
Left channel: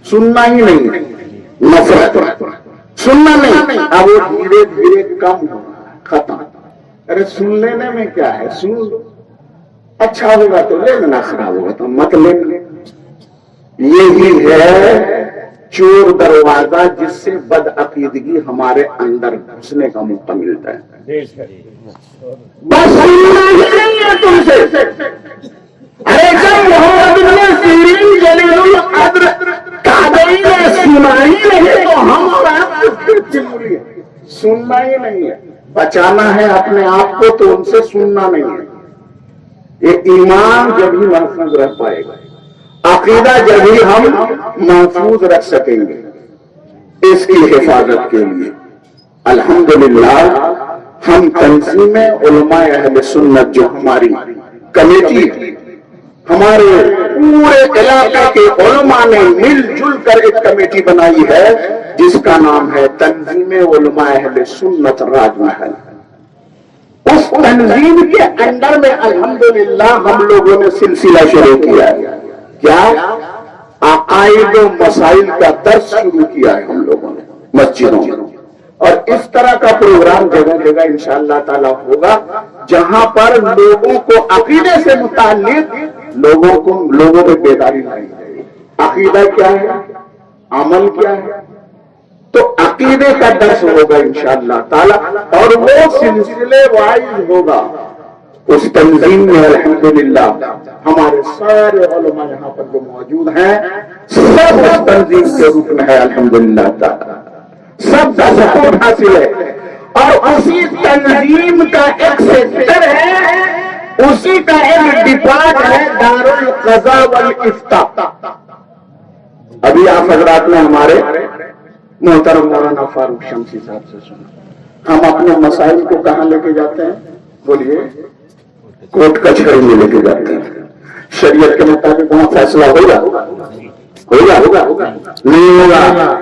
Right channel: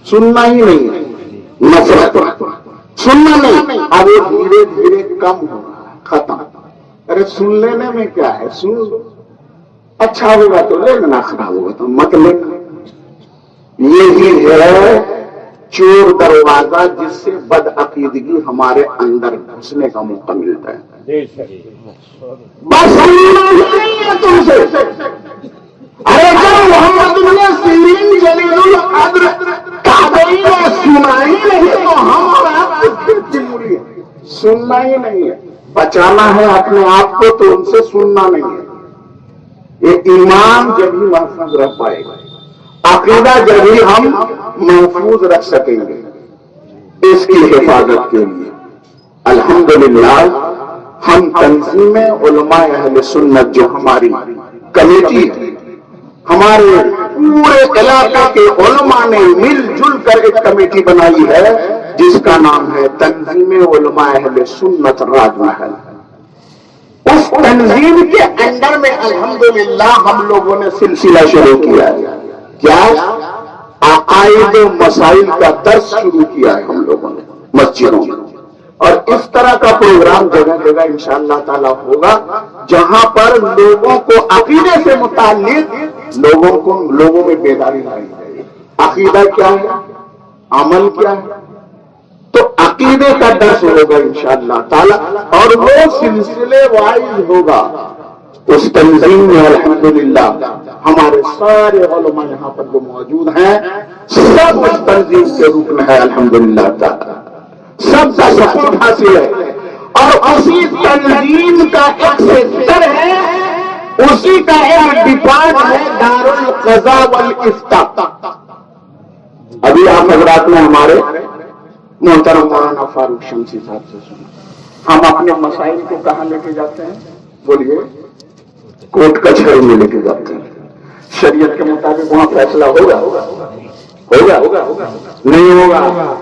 سننا ہی نہیں ہے، نفرت سننا نہیں۔ اب یہ دھیرے دھیرے کم ہو رہا ہے، ختم۔ ارے سن لینے میں کیا ہے، سن لو، اچھا ہوگا تو لے لینا، خراب ہوگا تو مت لینا۔ یہی ہے چور دروازہ جس سے بد عقیدگی ہمارے اندر گھسنے کا موقع ملتا ہے۔ بس نہیں ہے تم سے۔ ارے جب محمد بن سیرین جلیل القدر تابعی نے سنا ہی نہیں تو ہم اور آپ سننا ہی نہیں ہے، بچانا ہے اپنے آپ کو تو ان سے سننا نہیں ہے۔ یہ ایمان جب ہی محفوظ رہ پائے گا، عقیدہ جب ہی ہم محفوظ رکھ سکیں گے، اس کی حفاظت کے لیے الحمدللہ ہم تنظیم علماء اہل سنت جو ہماری کمیٹی ہے، ہمارے پورے علاقے کے علماء نے مل جل کر ایک کمیٹی بنائی ہے جس کا نام ہے تنظیم علماء اہل سنت راج محل۔ اس تنظیم کے اندر میں الحمدللہ ہم لوگوں نے سلسلہ شروع کیا ہے، کیا عقائد و مسائل کا درس شروع کیا ہے ہم لوگوں نے مسجدوں میں، اور اس طرح کا پروگرام جگہ جگہ انشاءاللہ تعالی ہوگا جہاں پر لوگوں کو عقیدے سے متعلق لوگوں میں بیداری لائی جائے۔ عقیدہ کیا ہے، عمل کیا ہے، تو عقیدے کا درس ہوگا انشاءاللہ تعالی، اور وہ سلسلے وائز ہوگا۔ اس تنظیم میں الحمدللہ ہمارے سارے علماء یہاں پر جو موجود ہیں سب اس تنظیم کے رکن ہے الحمدللہ تعالی، سب کا سپورٹ حاصل ہے، اور اسی تنظیم کا ایک سیکٹر ہے، اسی کا ایک ڈپارٹ ہے دار القضاء والافتاء۔ ابھی آپ حضرات نے ہمارے محترم مولانا فاروق شمسی صاحب سے سنا، ہم اپنے مسائل کو کہاں لے کے جاتے ہیں؟ بولیے کوٹ کچہری میں لے کے جاتے ہیں۔ شریعت کے مطابق وہاں فیصلہ ہوگا نہیں ہوگا؟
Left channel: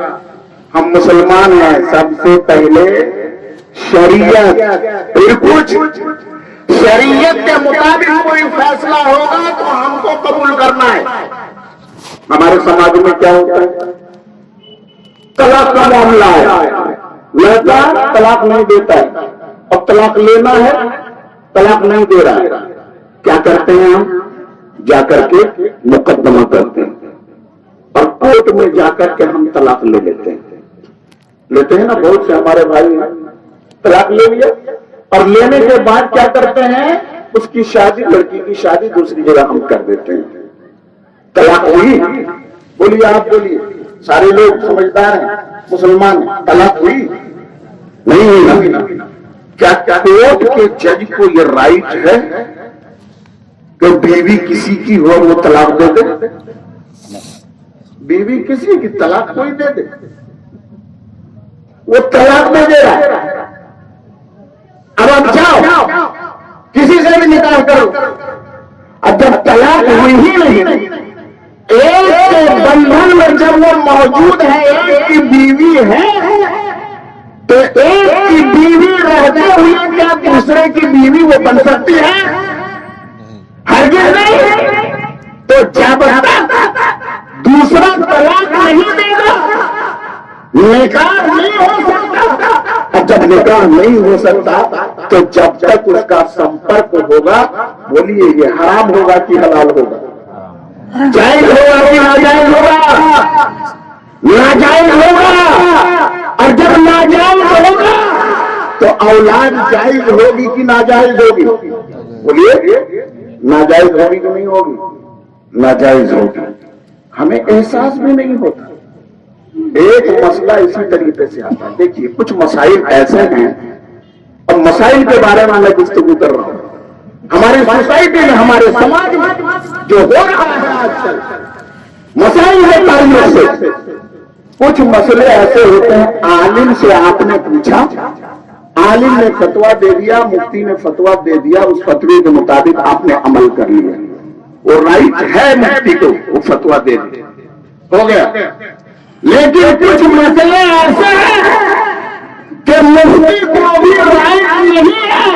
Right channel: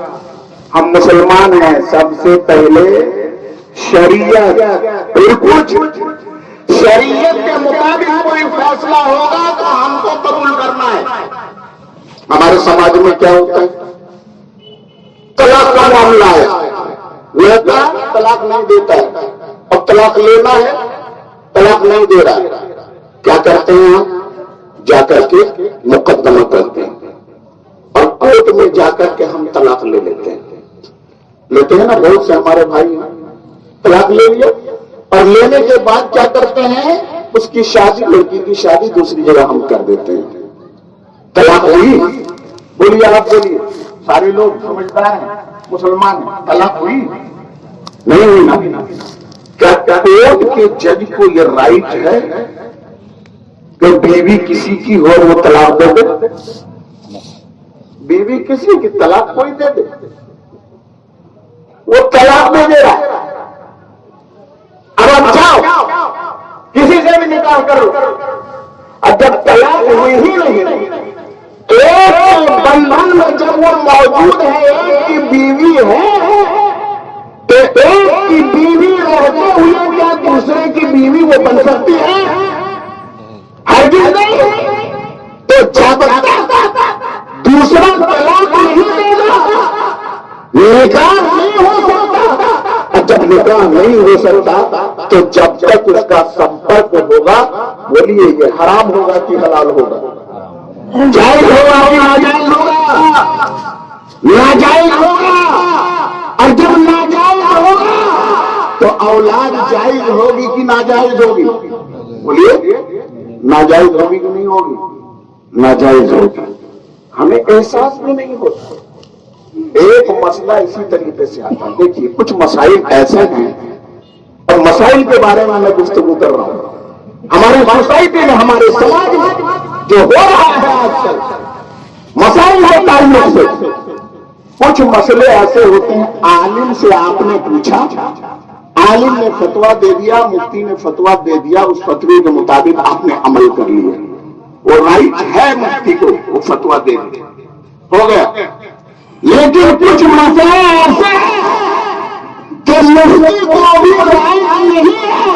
ہم مسلمان ہیں، سب سے پہلے شریعت، شریعت کے مطابق کوئی فیصلہ ہوگا تو ہم کو قبول کرنا ہے۔ ہمارے سماج میں کیا ہوتا ہے، طلاق کا معاملہ ہے، لڑکا طلاق نہیں دیتا ہے، اب طلاق لینا ہے، طلاق نہیں دے رہا ہے، کیا کرتے ہیں ہم؟ جا کر کے مقدمہ کرتے ہیں، اور کورٹ میں جا کر کے ہم طلاق لے لیتے ہیں نا، بہت سے ہمارے بھائی ہیں طلاق لے لیا، اور لینے کے بعد کیا کرتے ہیں، اس کی شادی، لڑکی کی شادی دوسری جگہ ہم کر دیتے ہیں۔ طلاق ہوئی؟ بولیے، آپ بولیے، سارے لوگ سمجھدار ہیں، مسلمان ہیں، طلاق ہوئی؟ نہیں ہوئی نا۔ کیا کورٹ کے جج کو یہ رائٹ ہے تو بیوی کسی کی ہو وہ طلاق دے دے؟ بیوی کسی کی طلاق کوئی دے دے؟ وہ طلاق دے دے رہا. اب آپ جاؤ کسی سے بھی نکاح کرو، اب جب طلاق ہوئی ہی نہیں، ایک بندھن میں جب وہ موجود ہے، ایک کی بیوی ہے، تو ایک کی بیوی رہتے ہوئے کیا دوسرے کی بیوی وہ بن سکتی ہے؟ ہرگز نہیں. تو جب دوسرا طلاق نہیں دے گا نکاح نہیں ہو سکتا. اور جب نکاح نہیں ہو سکتا تو جب تک اس کا سمپرک ہوگا، بولیے یہ حرام ہوگا کہ حلال ہوگا؟ جائز ہوگا کہ ناجائز ہوگا؟ ناجائز ہوگا. اور جب ناجائز ہوگا تو اولاد جائز ہوگی کہ ناجائز ہوگی؟ بولیے ناجائز ہوگی کہ نہیں ہوگی؟ ناجائز ہوگی. ہمیں احساس بھی نہیں ہوتا. ایک مسئلہ اسی طریقے سے آتا ہے. دیکھیے کچھ مسائل ایسے ہیں، اور مسائل کے بارے میں گفتگو کر رہا ہوں. ہماری سوسائٹی میں، ہمارے سماج میں جو ہو رہا ہے آج کل مسائل کے تعلق سے، کچھ مسئلے ایسے ہوتے ہیں عالم سے آپ نے پوچھا، عالم نے فتویٰ دے دیا، مفتی نے فتویٰ دے دیا، اس فتوی کے مطابق آپ نے عمل کر لیا، وہ رائٹ ہے مفتی کو وہ فتویٰ دے دیا، ہو گیا. لیکن کچھ مسئلے ایسے ہیں کہ مفتی کو بھی رائٹ نہیں ہے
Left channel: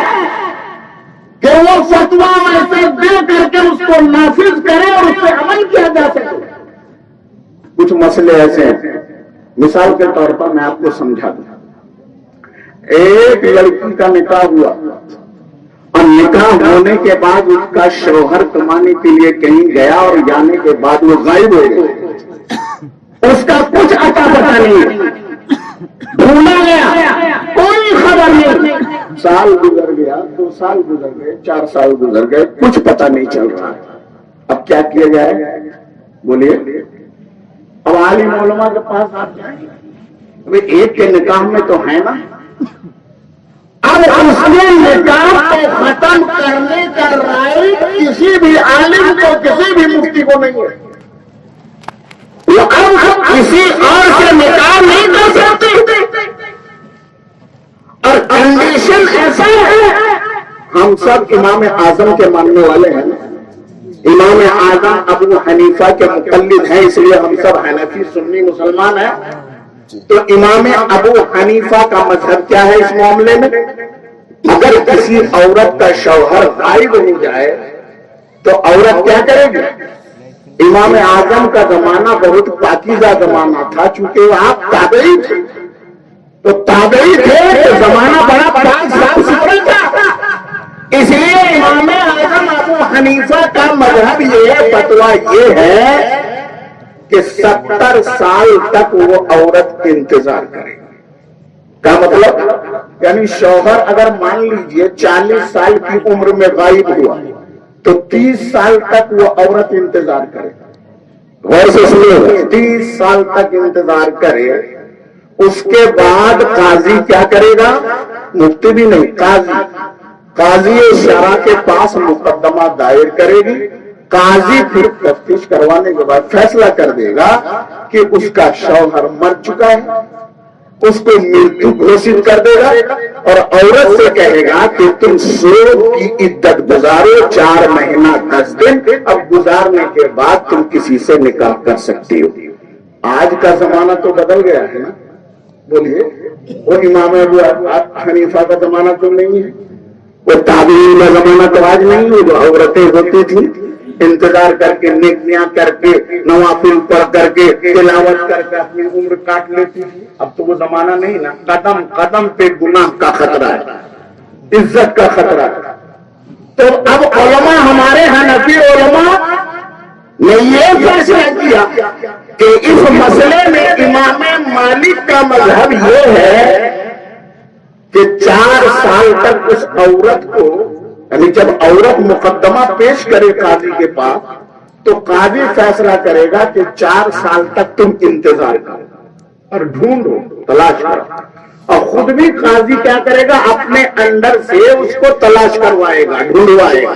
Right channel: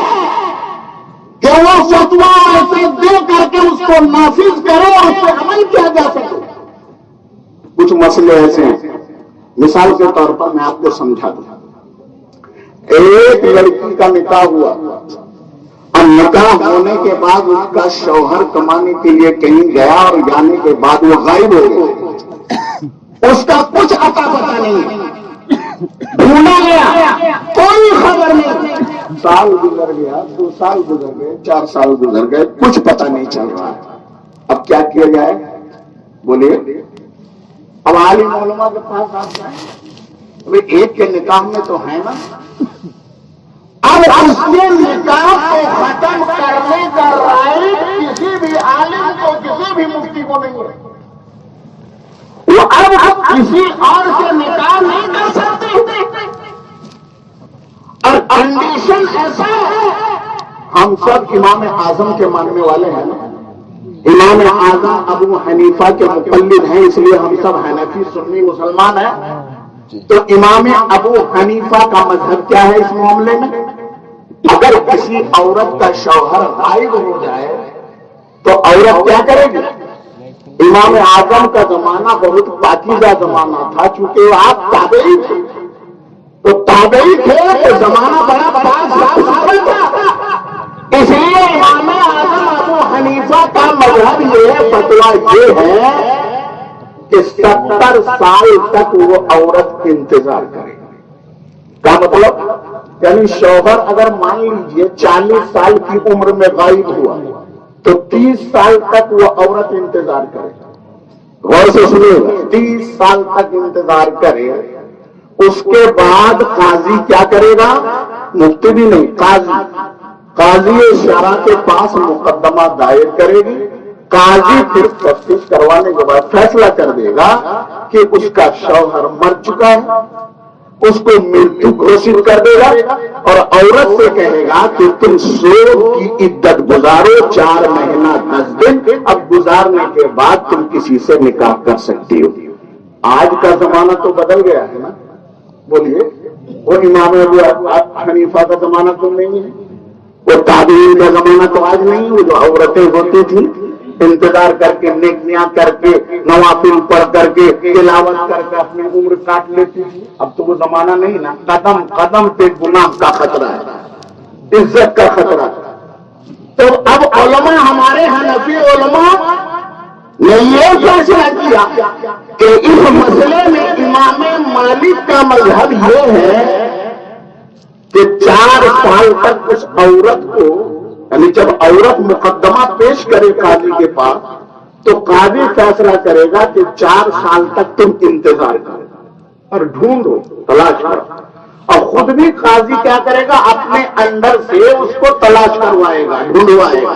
کہ وہ فتویٰ ایسے دے کر کے اس کو نافذ کرے اور اس پہ عمل کیا جا سکے. کچھ مسئلے ایسے ہیں، مثال کے طور پر میں آپ کو سمجھا دوں. ایک لڑکی کا نکاح ہوا، اور نکاح ہونے کے بعد اس کا شوہر کمانے کے لیے کہیں گیا، اور جانے کے بعد وہ غائب ہو گیا. اس کا کچھ اتا پتا نہیں، بھولا گیا، کوئی خبر نہیں. سال گزر گیا، 2 سال گزر گئے، 4 سال گزر گئے، کچھ پتا نہیں چل رہا. اب کیا کیا جائے؟ بولیے. اب عالم علماء کے پاس آتے ہیں، ایک کے نکاح میں تو ہے نا، اب اس نے نکاح کو ختم کرنے کا رائٹ کسی بھی عالم کو، کسی بھی مفتی کو نہیں ہے. وہ اب کسی اور سے نکاح نہیں کر سکتے. اور کنڈیشن ایسا ہے، ہم سب امام اعظم کے ماننے والے ہیں. امام اعظم ابو حنیفہ کے مقلد ہیں، اس لیے ہم سب حنفی سنی مسلمان ہیں. تو امام ابو حنیفہ کا مذہب کیا ہے اس معاملے میں؟ اگر کسی عورت کا شوہر غائب ہو جائے تو عورت کیا کرے گی؟ امام اعظم کا زمانہ بہت پاکیزہ زمانہ تھا، چونکہ آپ تابعی تھے، تو تابعی تھے تو زمانہ بڑا پاک صاف ستھرا تھا. اس لیے امام اعظم ابو حنیفہ کا مذہب یہ فتویٰ یہ ہے کہ 70 سال تک وہ عورت انتظار کرے. کا مطلب یعنی شوہر اگر مان لیجئے 40 سال کی عمر میں غائب ہوا تو 30 سال تک وہ عورت انتظار کرے. غور سے سنیے، 30 سال تک انتظار کرے. اس کے بعد قاضی کیا کرے گا؟ مفتی بھی نہیں، قاضی شرع کے پاس مقدمہ دائر کرے گی. قاضی پھر تفتیش کروانے کے بعد فیصلہ کر دے گا کہ اس کا شوہر مر چکا ہے، اس کو مرتو گھوشت کر دے گا، اور عورت سے کہے گا کہ تم سود کی عدت گزارو 4 مہینہ 10 دن، اب گزارنے کے بعد تم کسی سے نکاح کر سکتی ہو. آج کا زمانہ تو بدل گیا ہے نا. بولیے، وہ امام ابو حنیفہ کا زمانہ تو نہیں ہے، وہ تابعین کا زمانہ تو آج نہیں ہے. جو عورتیں ہوتی تھیں انتظار کر کے، نیکیاں کر کے، نوافل پڑھ کر کے، تلاوت کر کے اپنی عمر کاٹ لیتی تھی. اب تو وہ زمانہ نہیں نا. قدم قدم پہ گناہ کا خطرہ ہے، عزت کا خطرہ ہے. تو اب علماء، ہمارے حنفی علماء نے یہ فیصلہ کیا کہ اس مسئلے میں امام مالک کا مذہب یہ ہے کہ 4 سال تک اس عورت کو، یعنی جب عورت مقدمہ پیش کرے قاضی کے پاس تو قاضی فیصلہ کرے گا کہ 4 سال تک تم انتظار کرو اور ڈھونڈو، تلاش کرو. اور خود بھی قاضی کیا کرے گا؟ اپنے اندر سے اس کو تلاش کروائے گا، ڈھونڈوائے گا.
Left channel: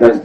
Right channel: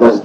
10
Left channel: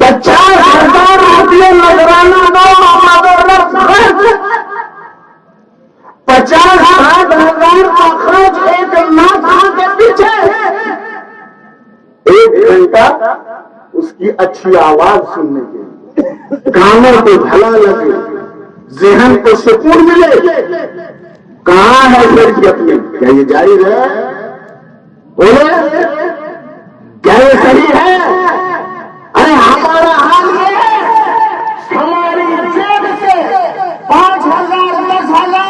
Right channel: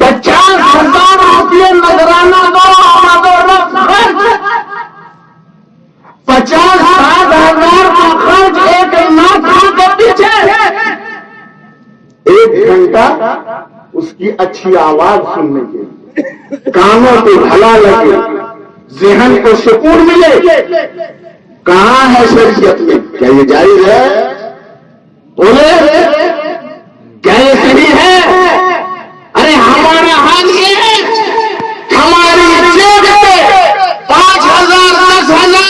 50,000 روپیے نذرانہ دو خرچ 50-60 ہزار کا خرچ ایک نعت کے پیچھے 1 گھنٹہ اس کی اچھی آواز سننے کے لیے، کانوں کو بھلا لگے، ذہن کو سکون ملے، کہاں ہے شریعت میں؟ کیا یہ جائز ہے؟ بولے کیا یہ صحیح ہے؟ ارے ہمارا حال یہ ہے، ہماری جیب سے 5,000 10,000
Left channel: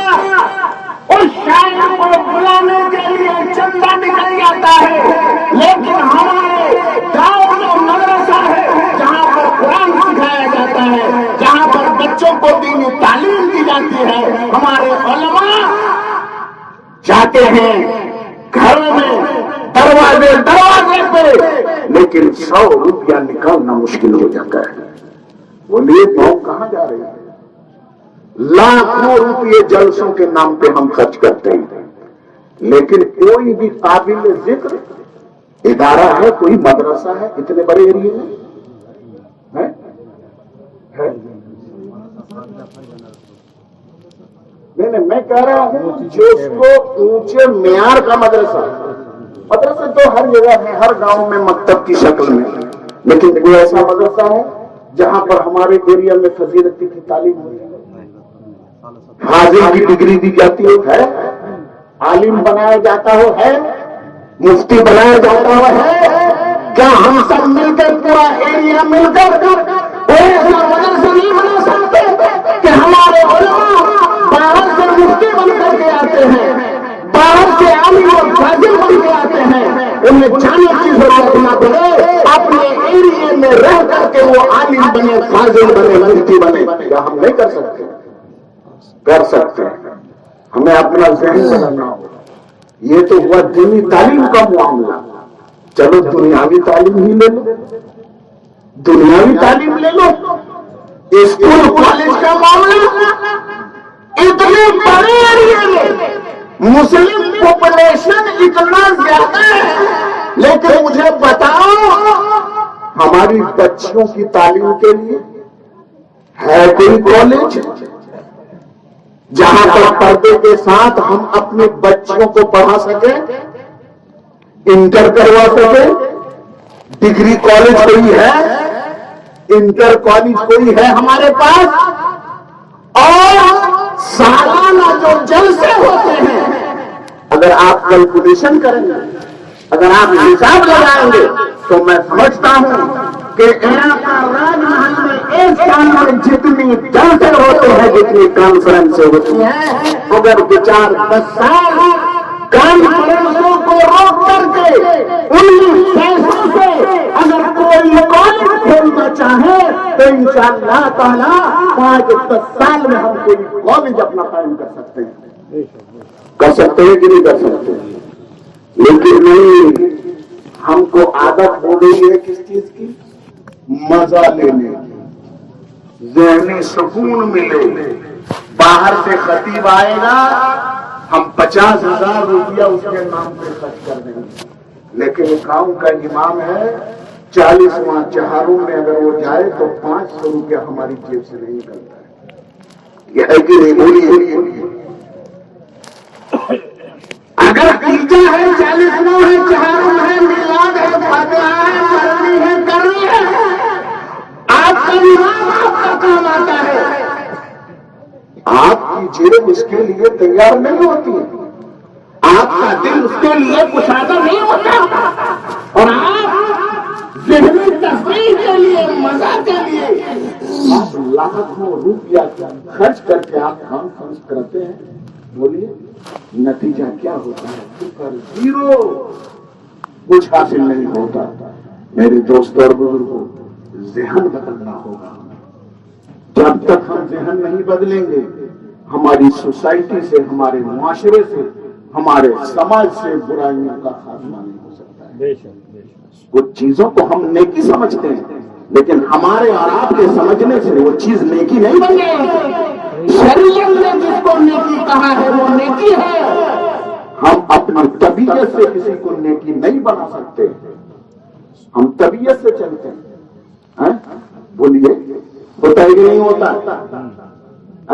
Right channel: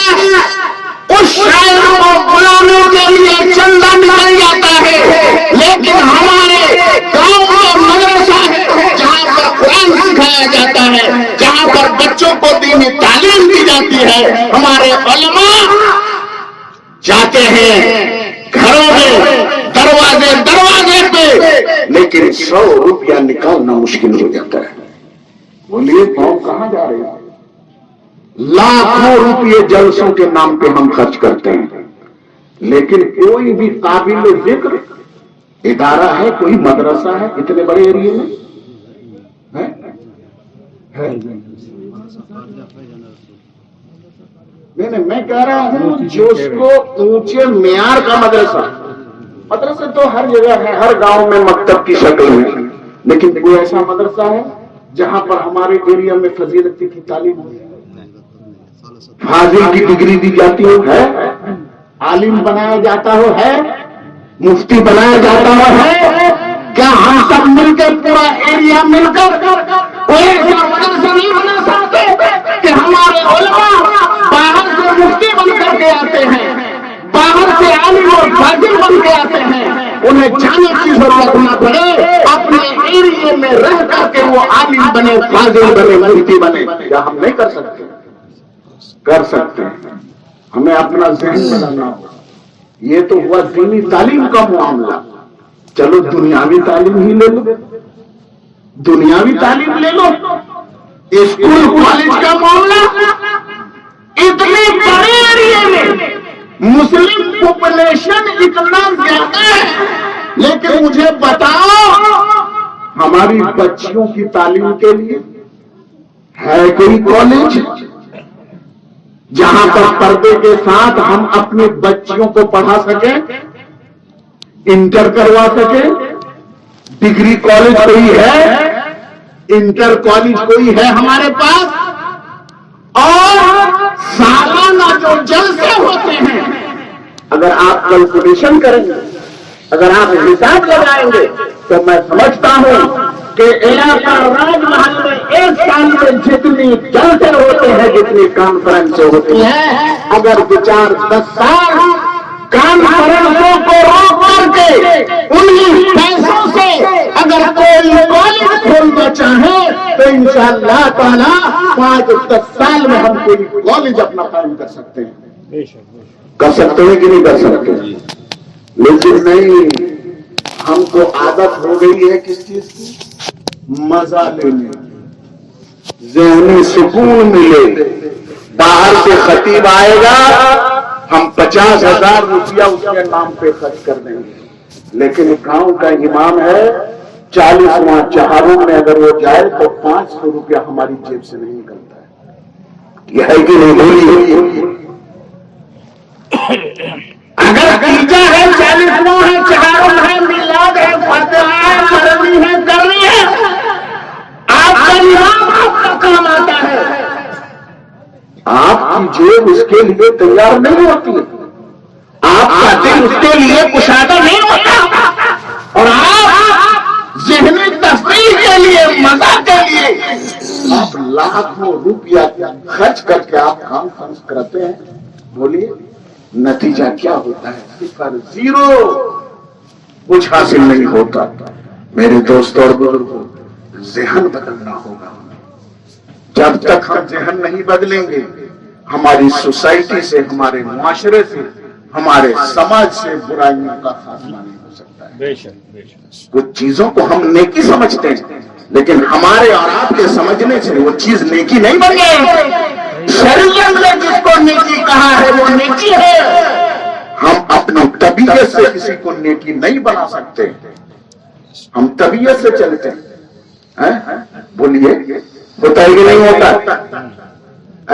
اس شاعر کو بلانے کے لیے چندہ نکل جاتا ہے، لیکن ہمارے گاؤں میں مدرسہ ہے جہاں پر قرآن سکھایا جاتا ہے، جہاں پر بچوں کو دینی تعلیم دی جاتی ہے، ہمارے علماء جاتے ہیں گھروں میں دروازے پہ، لیکن 100 روپیہ نکالنا مشکل ہو جاتا ہے۔ بولیے قوم کہاں جا رہی ہے؟ لاکھوں روپیے جلسوں کے نام پہ ہم خرچ کرتے ہیں، لیکن کوئی بھی قابل ذکر ادارہ ہے، کوئی مدرسہ ہے اتنے بڑے ایریے میں ہے؟ نہیں، میں کہہ رہا ہوں جس کو اونچے معیار کا مدرسہ تو ہر جگہ ہے، ہر گاؤں میں مکتب کی شکل میں، لیکن کوئی ایسا مدرسہ ہے جہاں پر ہمارے ایریا میں فضیلت کی تعلیم ہو، حاضر کی ڈگری دی جاتی ہے، عالم بنایا جاتا ہے، مفتی بنایا جاتا ہے؟ کیا ہم سب مل کر پورا ایریا مل کر کوئی ایسا مدرسہ نہیں بنا سکتے کہ ہمارے علماء باہر سے مفتی بن کر کے آتے ہیں، باہر سے عالم اور فاضل بن کے آتے ہیں، انہیں جانے کی ضرورت نہ پڑے، اپنے ایریے میں رہ کر کے وہ عالم بنے، فاضل بنے، مفتی بنے؟ کیا ہم نہیں کر سکتے؟ کر سکتے ہیں، ہمیں اپنا ذہن بدلنا ہوگا۔ یہ تو ہوا دینی تعلیم کا معاملہ، چلو دنیاوی تعلیم ہی لے لو، دنیاوی تعلیم لے لو، اسکول کالج کا معاملہ، اتنے بڑے ایریے میں مسلم پاپولیشن اتنا زیادہ ہے، لیکن مجھے بتاؤ ہماری بچیوں کی تعلیم کے لیے ہے کوئی کالج جہاں پر پردے کے ساتھ ہم اپنی بچیوں کو پڑھا سکیں، انٹر کروا سکیں؟ ڈگری کالج کوئی ہے؟ انٹر کالج کوئی ہے ہمارے پاس؟ اور سالانہ جو جلسے ہوتے ہیں، اگر آپ کیلکولیشن کریں گے، اگر آپ حساب لگائیں گے، تو میں سمجھتا ہوں کہ علاقہ راج محل میں ایک سال میں جتنی جلسے ہوتے ہیں، جتنی کانفرنسیں ہوتی ہیں، اگر 2-4-10 سال کانفرنسوں کو روک کر کے انہی پیسوں سے اگر کوئی کالج کھولنا چاہے تو انشاءاللہ تعالی 5-10 سال میں ہم کوئی کالج اپنا قائم کر سکتے ہیں۔ کر سکتے ہیں کہ نہیں کر سکتے؟ لیکن نہیں، ہم کو عادت ہو گئی ہے کس چیز کی؟ مزہ لینے کی، ذہنی سکون ملے، باہر سے خطیب آئے گا، ہم 50,000 روپیہ اس کے نام پہ خرچ کر دیں گے، لیکن گاؤں کا امام ہے 40واں چہاروں میں اگر وہ جائے تو 500 روپیہ ہماری جیب سے نہیں نکلتا ہے۔ یہ ہے کہ نہیں؟ بولیے۔ اگر تیجا ہے، 40واں ہے، چہارم ہے، میلاد ہے، فاتحہ ہے، مرمی ہے، کرنی ہے، آپ کا امام آپ کا کام آتا ہے، آپ کی جیب اس کے لیے تیار نہیں ہوتی، آپ کا دل اس کے لیے کشادہ نہیں ہوتا، اور آپ ذہنی تفریح کے لیے، مزہ کے لیے آپ لاکھوں روپیہ خرچ کر کے آپ کام کرتے ہیں۔ بولیے نتیجہ کیا ہوتا ہے؟ 0، کچھ حاصل نہیں ہوتا۔ میرے دوستوں اور بزرگوں، ذہن بدلنا ہوگا۔ جب تک ہم ذہن نہیں بدلیں گے، ہماری سوسائٹی سے، ہمارے معاشرے سے، ہمارے سماج سے برائیوں کا خاتمہ نہیں ہو سکتا ہے۔ بے شک بے شک۔ کچھ چیزوں کو ہم نیکی سمجھتے ہیں، لیکن ہمارے اور آپ کے سمجھنے سے وہ چیز نیکی نہیں بن جائے۔ شریعت نے جس کو نیکی کہا ہے وہ نیکی ہے۔ ہم اپنی طبیعت سے کسی کو نیکی نہیں بنا سکتے، ہم طبیعت سے چلتے ہیں۔ بولیے ہوتا ہے کہ نہیں ہوتا؟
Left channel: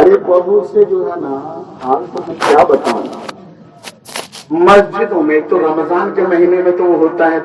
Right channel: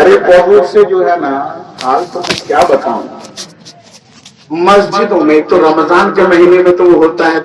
ارے بہت سے جو ہے نا حال تو میں کیا بتاؤں، مسجدوں میں تو رمضان کے مہینے میں تو وہ ہوتا ہے